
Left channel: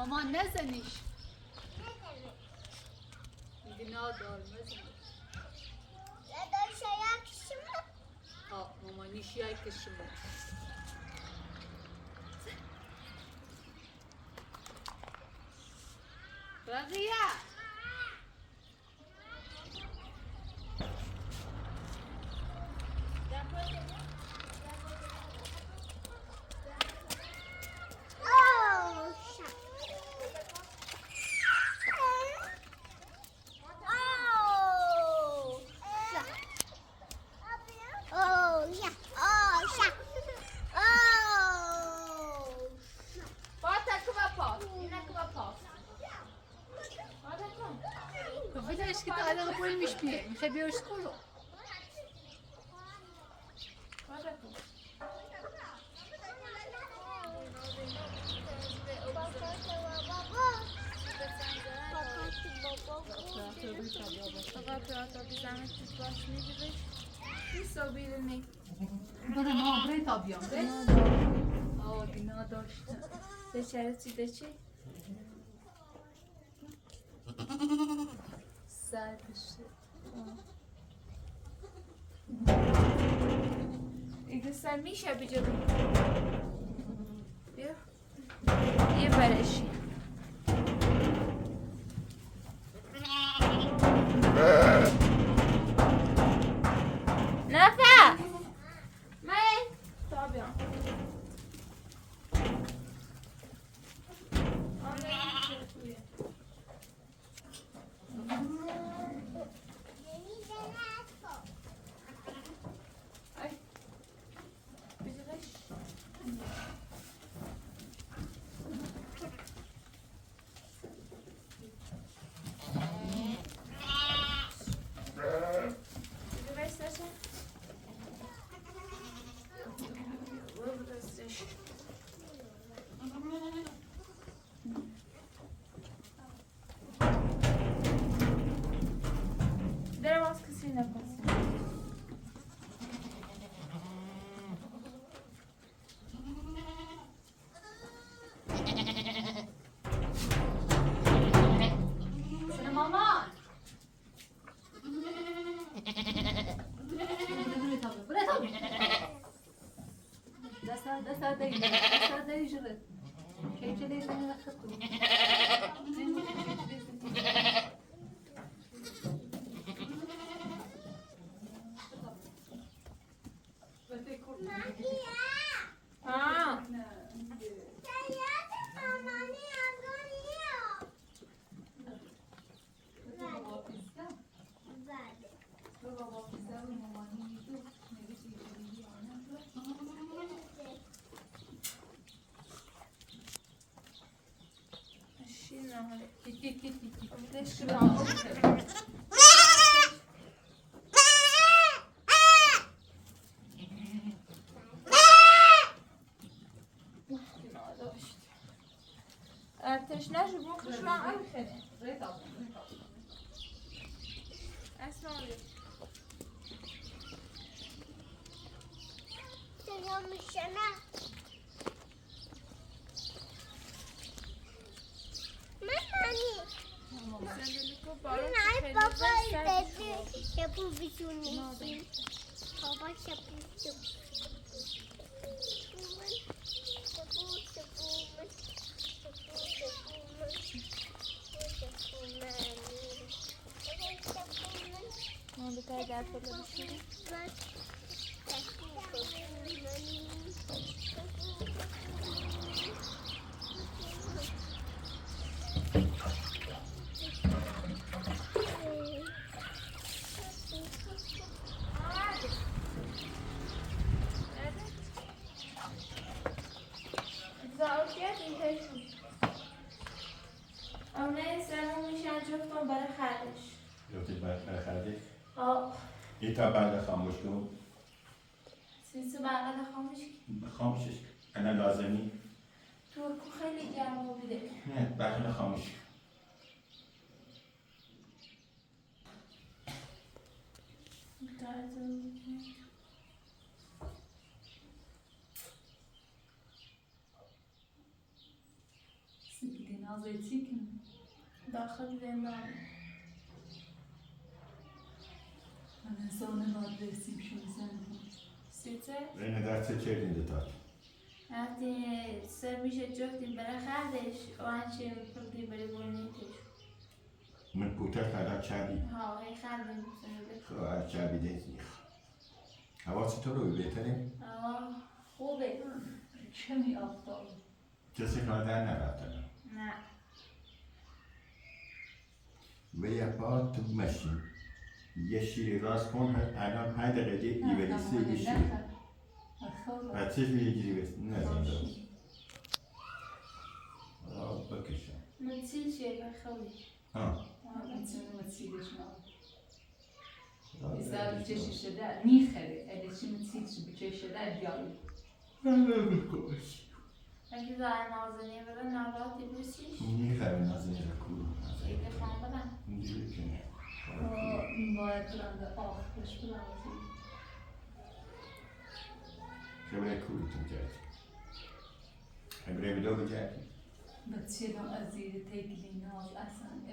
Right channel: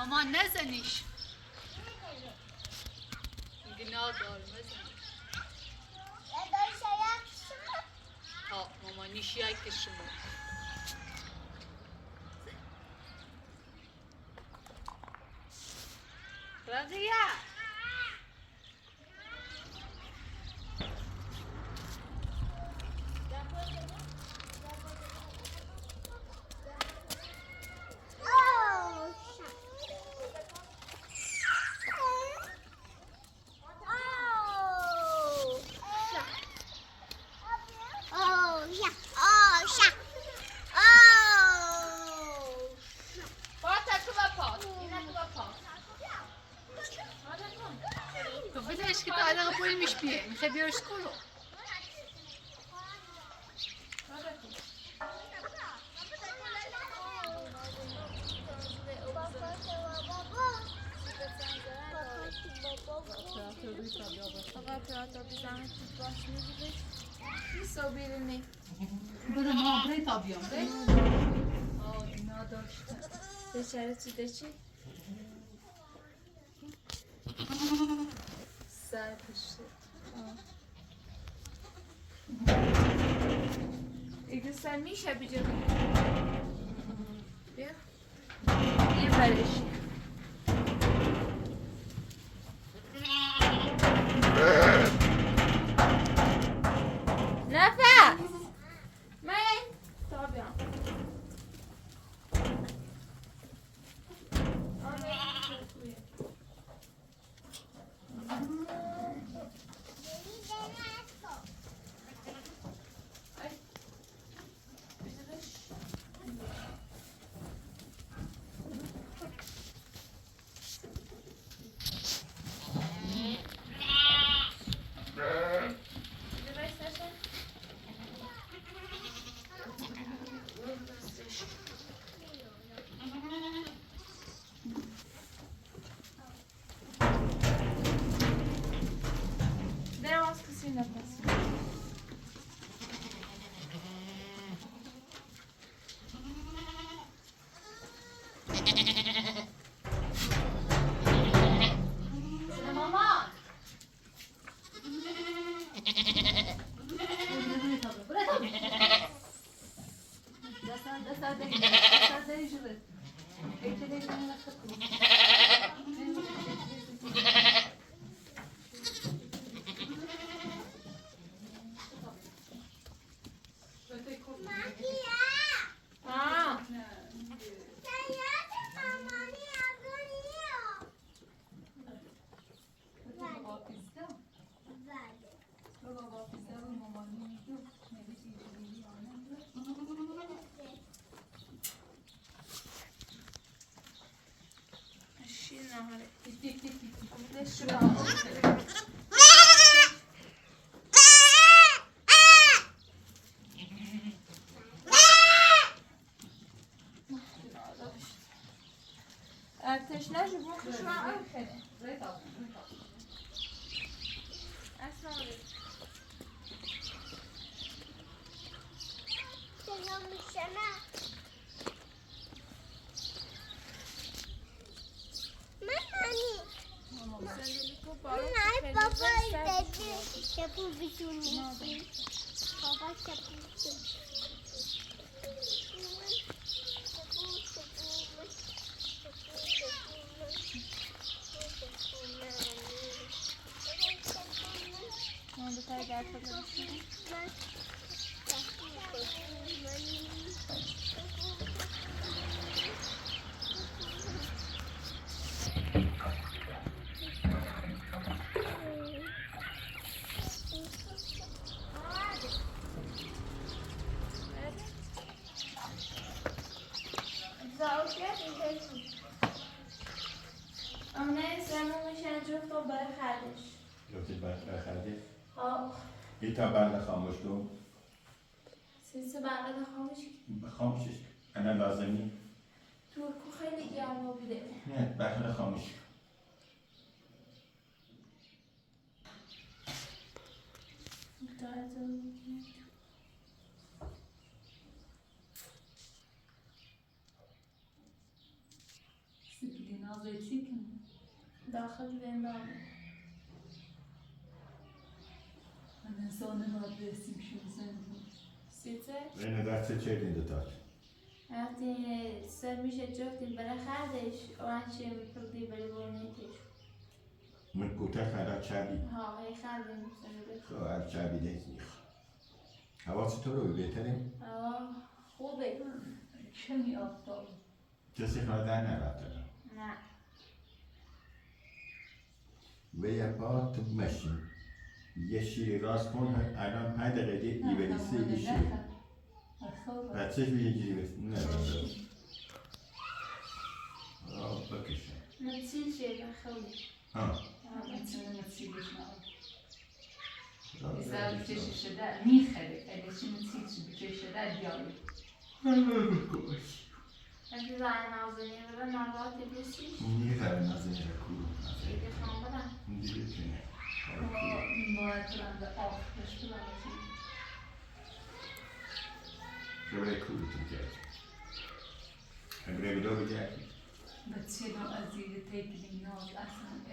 ماما نزنیش گناه دار نزنیش ماما نیشیه کشما رضیه که تعلق پول میش بیه میخوای بیارش کلو برو ما برای تا بیام دینا داشته بچره چی در پشت ایده سر میشه بجا بیا یه برش نفس من تا بیام تشنه جو بخش من آخره اسمع سلام میشنه صندلی کو بارون من خیلی بابا زد دادی شپو بیتونی بابا شپو من به تای گرد خود بشید جفتم برای خردش جفتش برای خردش؟ آه یه تا برق خاموش کن سیسه برقه خاموش خاموشش انا لازمی ترکو خیلی گرم بیده نه برق خاموش داخل زندان زانه نادرسیم شو زندان سیته اینه دست چه دین دوتاش وقتی سر میشه جفتیم برای خردش و هنچه پردی برای برنیتش من پوتر خدا چابی ها هی خردیم بسنده خب از چابی دیزی حواسی تو رو بهتره؟ خوبه چه می آفتاب کسی خواهد در نراتنه نه و یه پا تو ماشین یه شیری راست کن الان 5 دقیقه ایوریسی یه شیر بچهش به یه جیری بسید نه بکشم متسیل شه بخولی İster bütçe de mihre, eleşim tiç bütçe de diyor. اگه زن نازنین برای نباتی بسیش میخواه نازنین را کلو دیگه خواهم برم دیگه کنه باید برم به آخرش برم خبره کلو تو کرد خبره بیدو بجردی بچه رو از زیر تکلی نیاز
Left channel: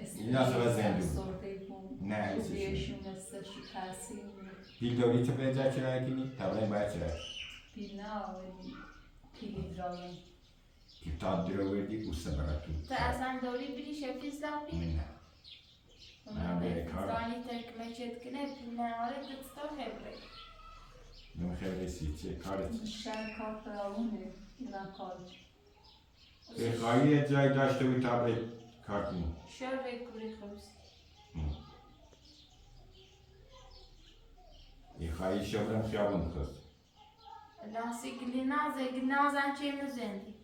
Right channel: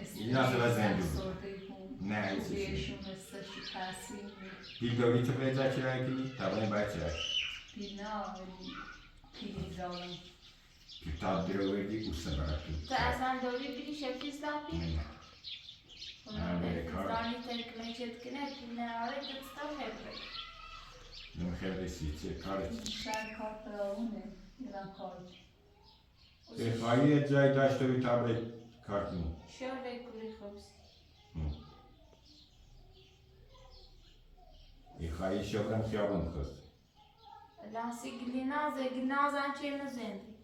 اصلا نیاز رو زندون. سرده بود نه رویشون استش تاثیر پیل داری تو پیدا چرا کنی؟ طبعا باید چرا پیل نه پیل جاوی کتاب درو وردی اوسه براتون تا اصلا دوری بری شفیز لاپی؟ نه خدا بفیزانی ترکمه چید کنه نه آره دستم هبره نمیخواد چه کارت شهر کار فراونه ایران کار خواهی یه جای داشته بودی تا به کار کنی شهر کوری خوبسی خواهی شغلم خیابون خواست لانسی گلیناز هم چه مزندی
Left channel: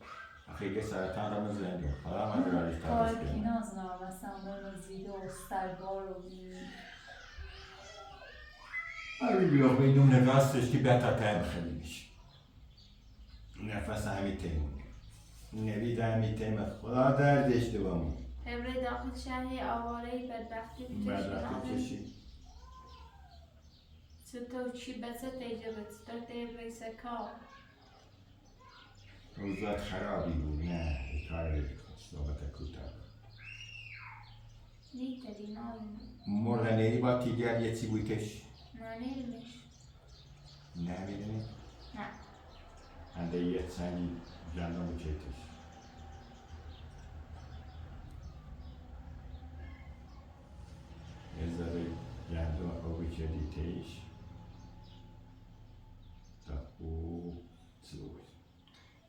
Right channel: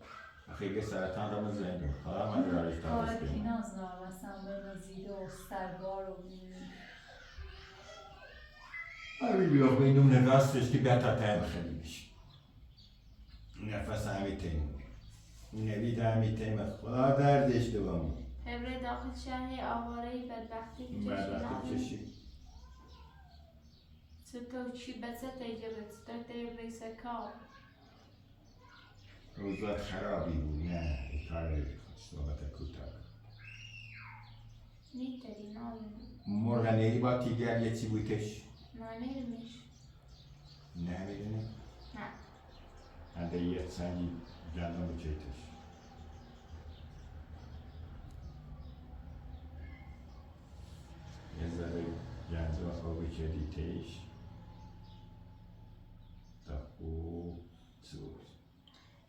خیلی سرطان را مزندیم خدا من دارش کار تابست کی کنیم نازنار مثلا رزیده و سرگار و آره بیوخ بینم نراستش که بیتا تایم خیلی میشه نفس همی تیم نوید همی تیم خدا دردش دوام هبره داخل شهری آوارهی بدبختی بدبختی بچشی چشی تو چی بسه تجربه تو هبره سکار روزات خرابی بود نه کار صحبت کوتاه نیتری نایم مردنی با تیگر یه چی بودش نانیرمش نه میدونی نه هنده یه سنگی گندم بچیتش یه ذره گندم آبی کردیتش تا خوب سوز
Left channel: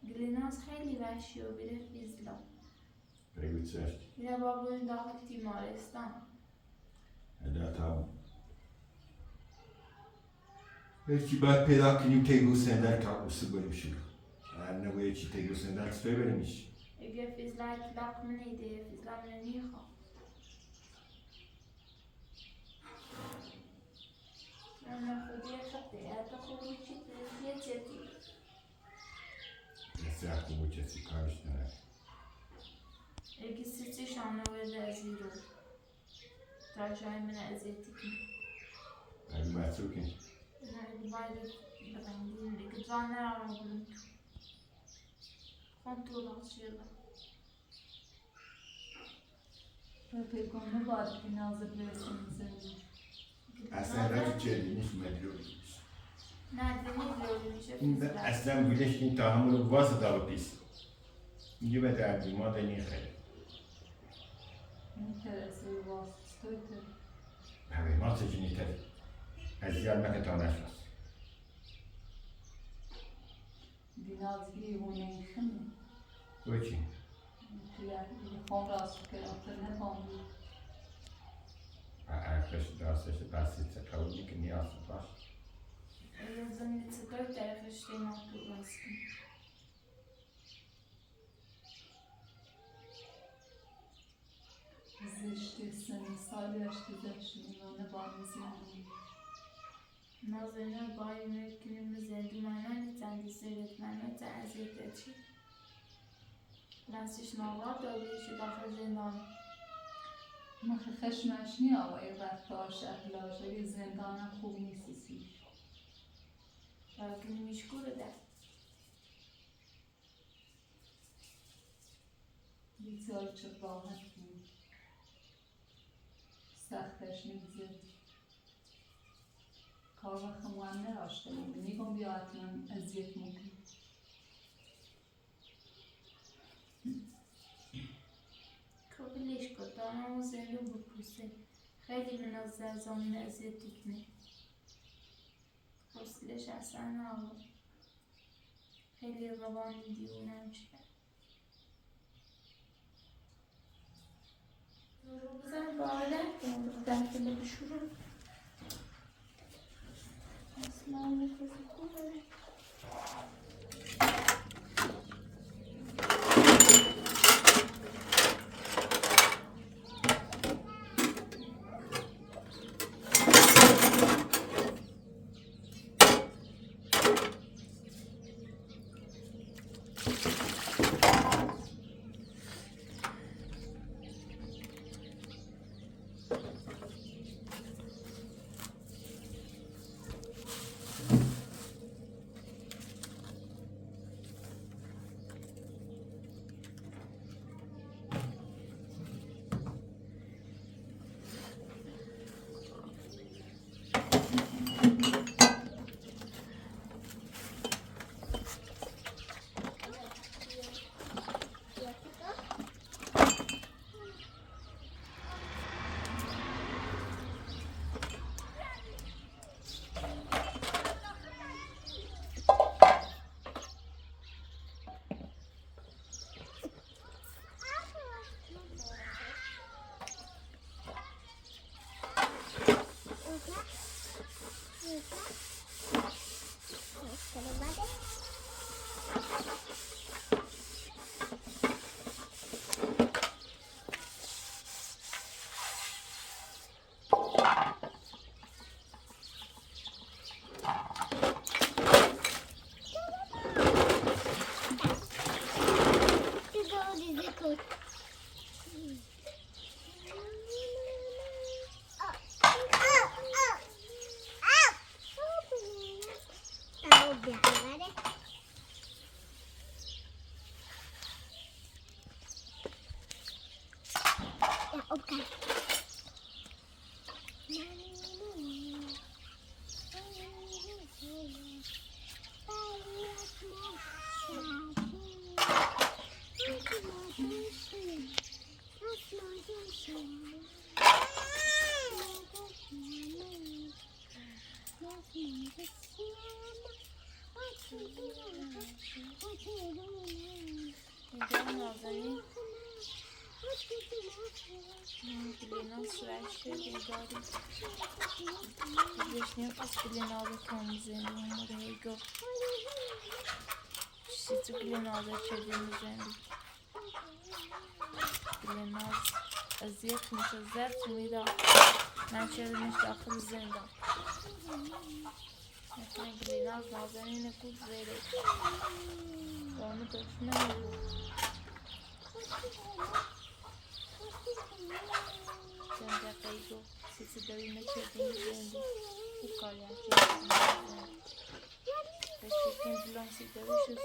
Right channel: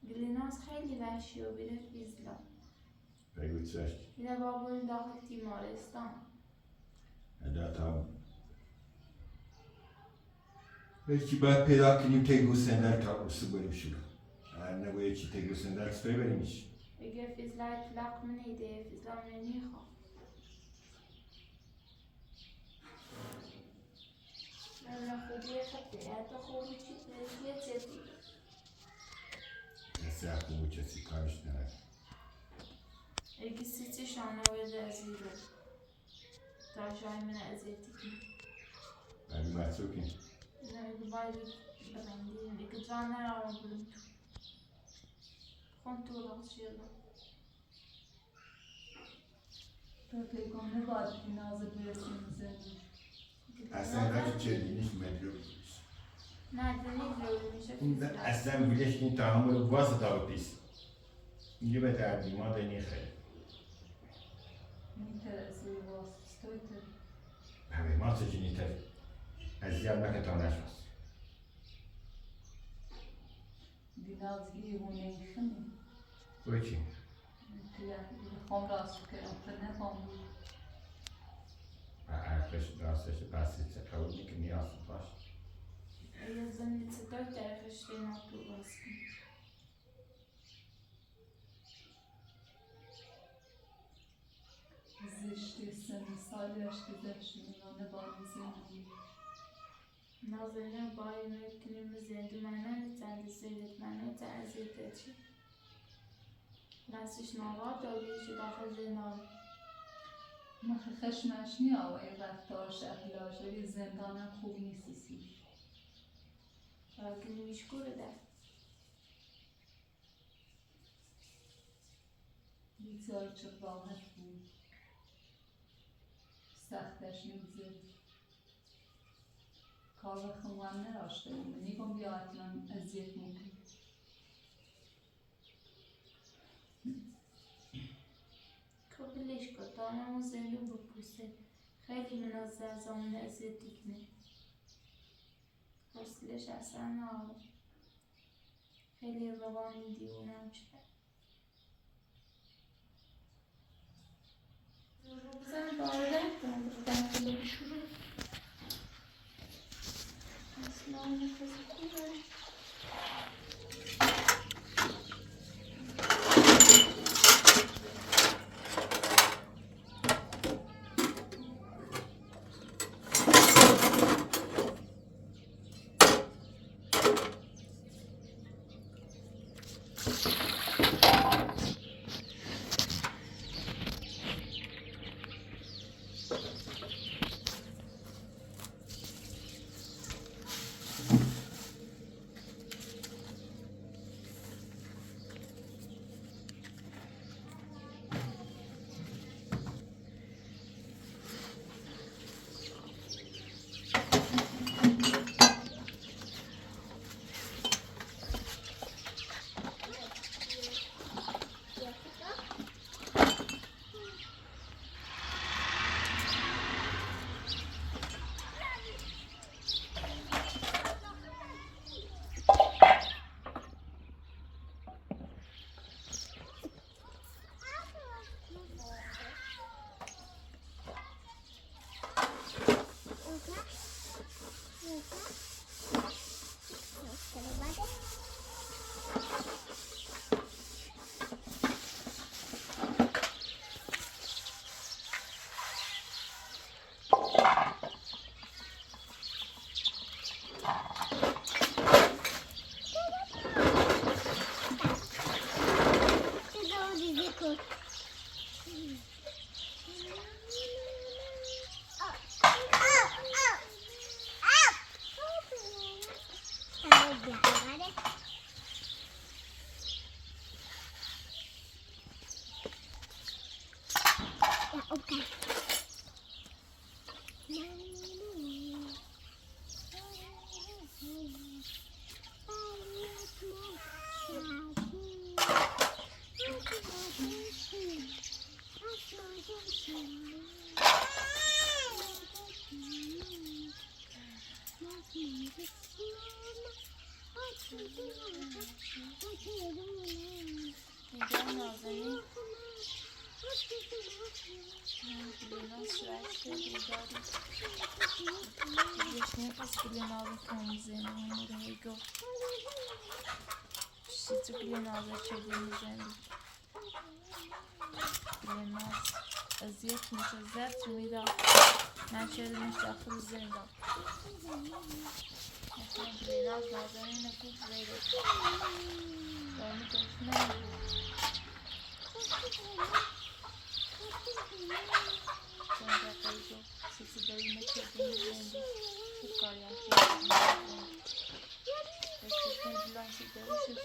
گلیناز خیلی وحشی و بیره فیزلا بگو چشت بیره بابون داخل تیمارستان ادا تا هیچی باید پیدا کنیم تیگو سندر تا بسو بریم شروع نباید چی تیگو سندر سفر بریمش اگه فیزلا اطلاق من ایده فیزلا من میخوام من خودی خطه حتی خوبی چی تنسیه چیزی یه سر خوبو کسی کارش نرد اگه سیتی شانه باید ازی رو تا جای من ازیتی کنم اگه بچه کن اگه باید ببندیم اگه جان نرارم برم تو خون تو راست شده پیگانه باید بی نازه برسیم زندگی اصلا رفت چه دینش مدلو میشه نه دینی لولی میشه این فیزلا اصلا بودش این تحمل واسه تا پیس میگه به دردی ما دنی خیلی میترسه واسطه همه ما سجنی تری از یاد مکتان نشوست دینازگی هونه خمی تو چی؟ خون راست کنم تو نفهم عرفش داستش بسیط چه قبول میکنی آسود باش اگه زنی چطور طرفش دینا تو راست کنم زشتی سن سالیش گذشت اینونه با زندگی نازنین بایی میکنیم زندگی منه نیتن سیرت منه تا ازیت چی راستش نواد داریش داخل زندان مخی خشمش نیا و ای رفتارش اخلاقی زندانم خوب نیستیش که نمیشکوره ده بسیار چه راحت بود سختش نمیزد کار وقت مهم نراشته بود میگم بیا حتما اذیت میکنی کبلش کن داممو زنده بپوسه خیلی منازه زامن ازیتی کنه حوصلش اصلا نبود خیلی روانی دیوونم شد بزن بارگرد کنم در کلو شروع اصلا نفسی خوبه Bilina's şuraya dاری Wiesz, pas bilinawy komzyn, mojego Wszyscy bilinawy przedzień rzędu Bilinaz aziyet متزرد میدا نشد مش داخل زندان مثلا بلیناز نازنین خوب زیده دارمی دشمن بود زنده قیدو سیسی داری مکردین زنده خوب کاریم چیزی بسیکن بلانسی داریش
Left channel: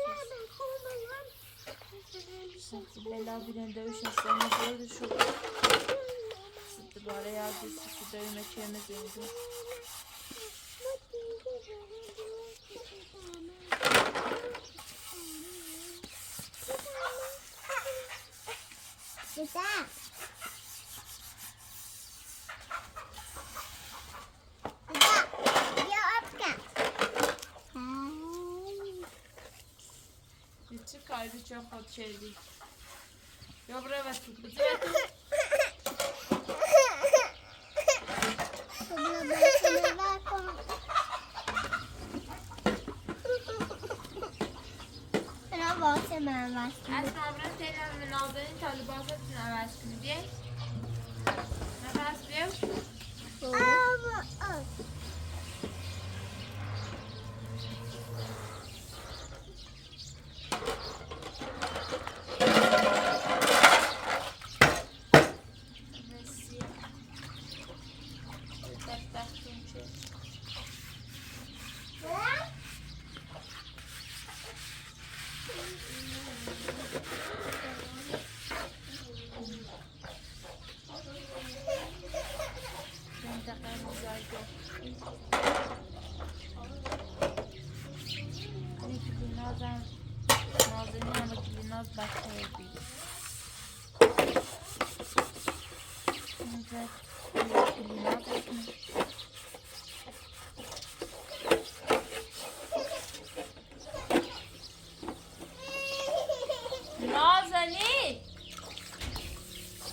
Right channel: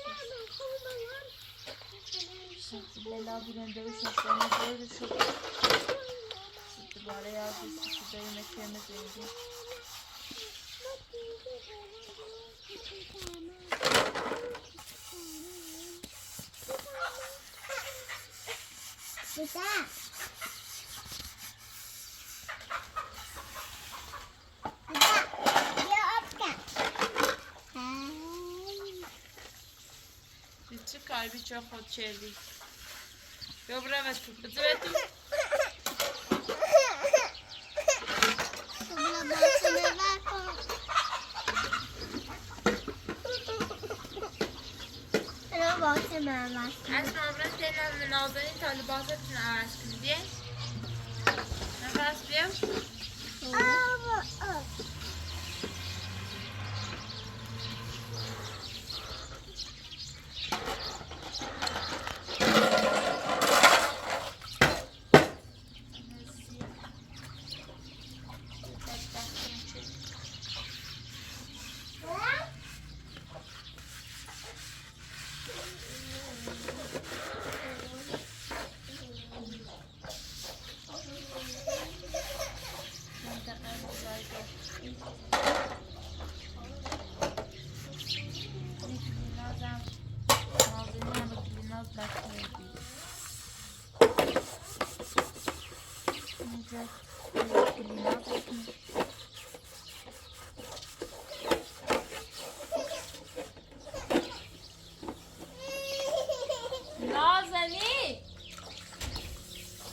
سیسی بلا بودن داریش استانی زیده شد دوباره یاد سیسی داری مکرم زنده Güzel. Güzel. Ya apka. Bitti kalbi çok hot çeldi. Dobra ve tu, bitti ve tu. Sonra ben sana ver konu. Sana bahsemem var. Asma abran senin Nazan'ın talibazatını avaz kını diye. Nefes bir.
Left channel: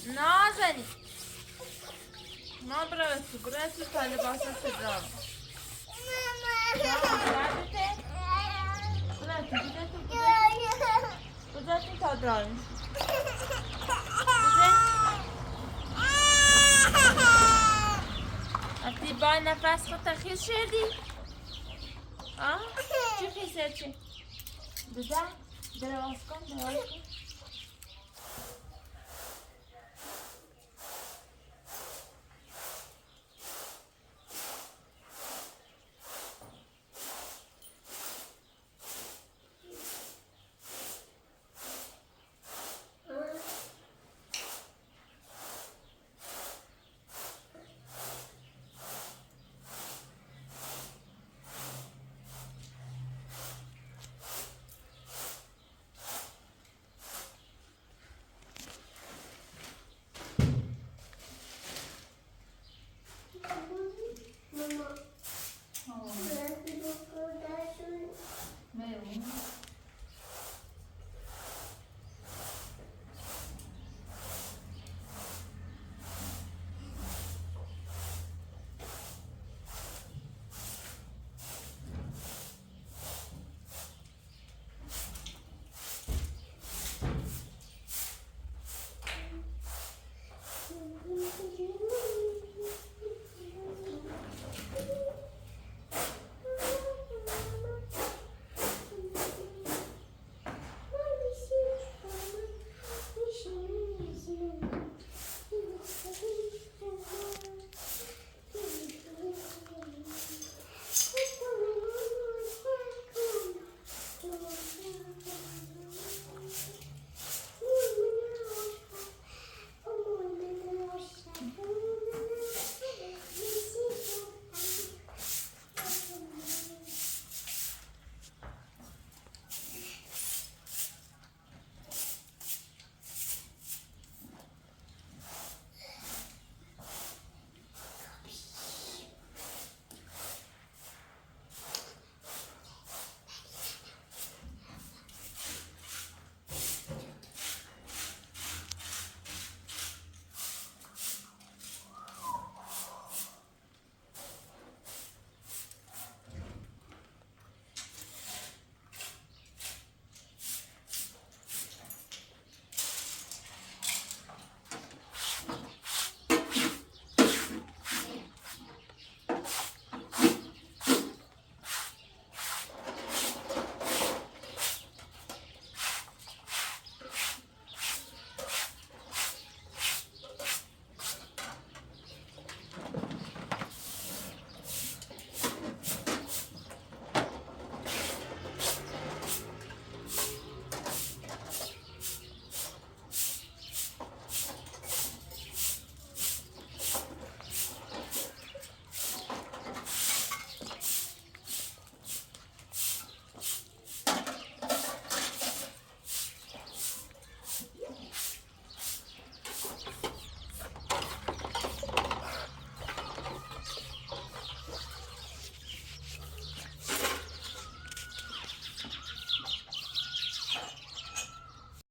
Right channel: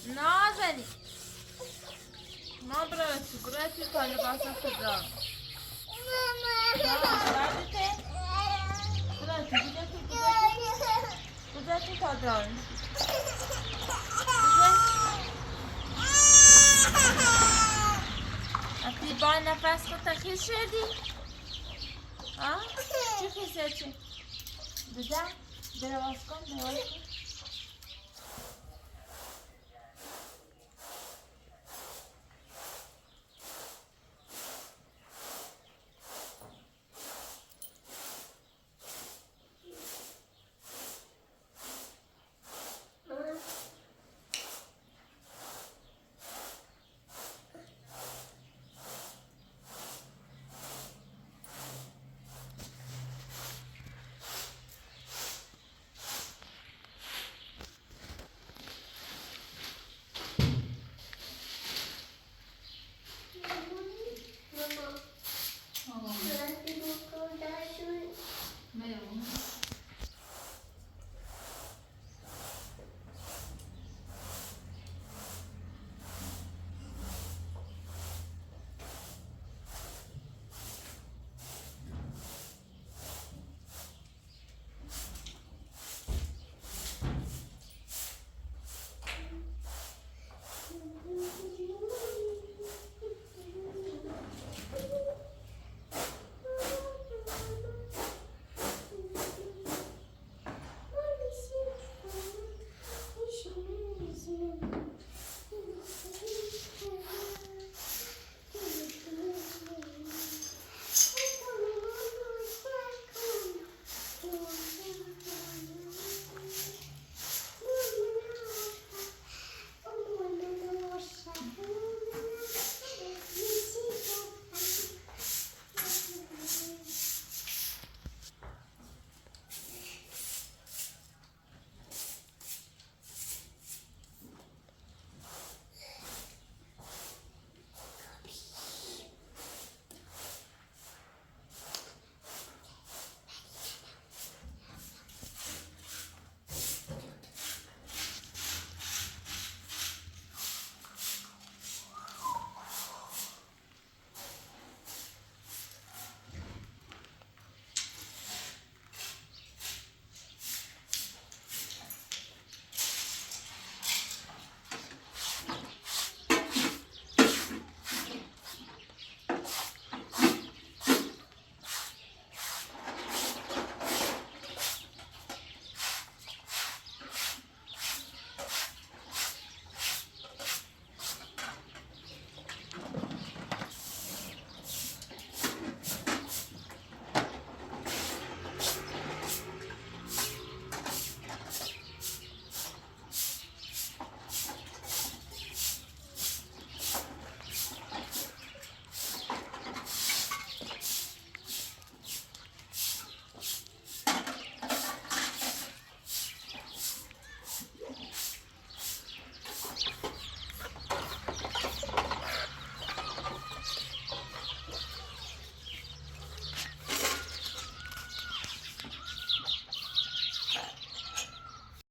Nazani! Ma bravo, sicuramente fai le cose bravo. Guardate. Guardate, buďte to dron. A ty baj nefes که تخیص شدی؟ چی خیصه چی؟ دراز کن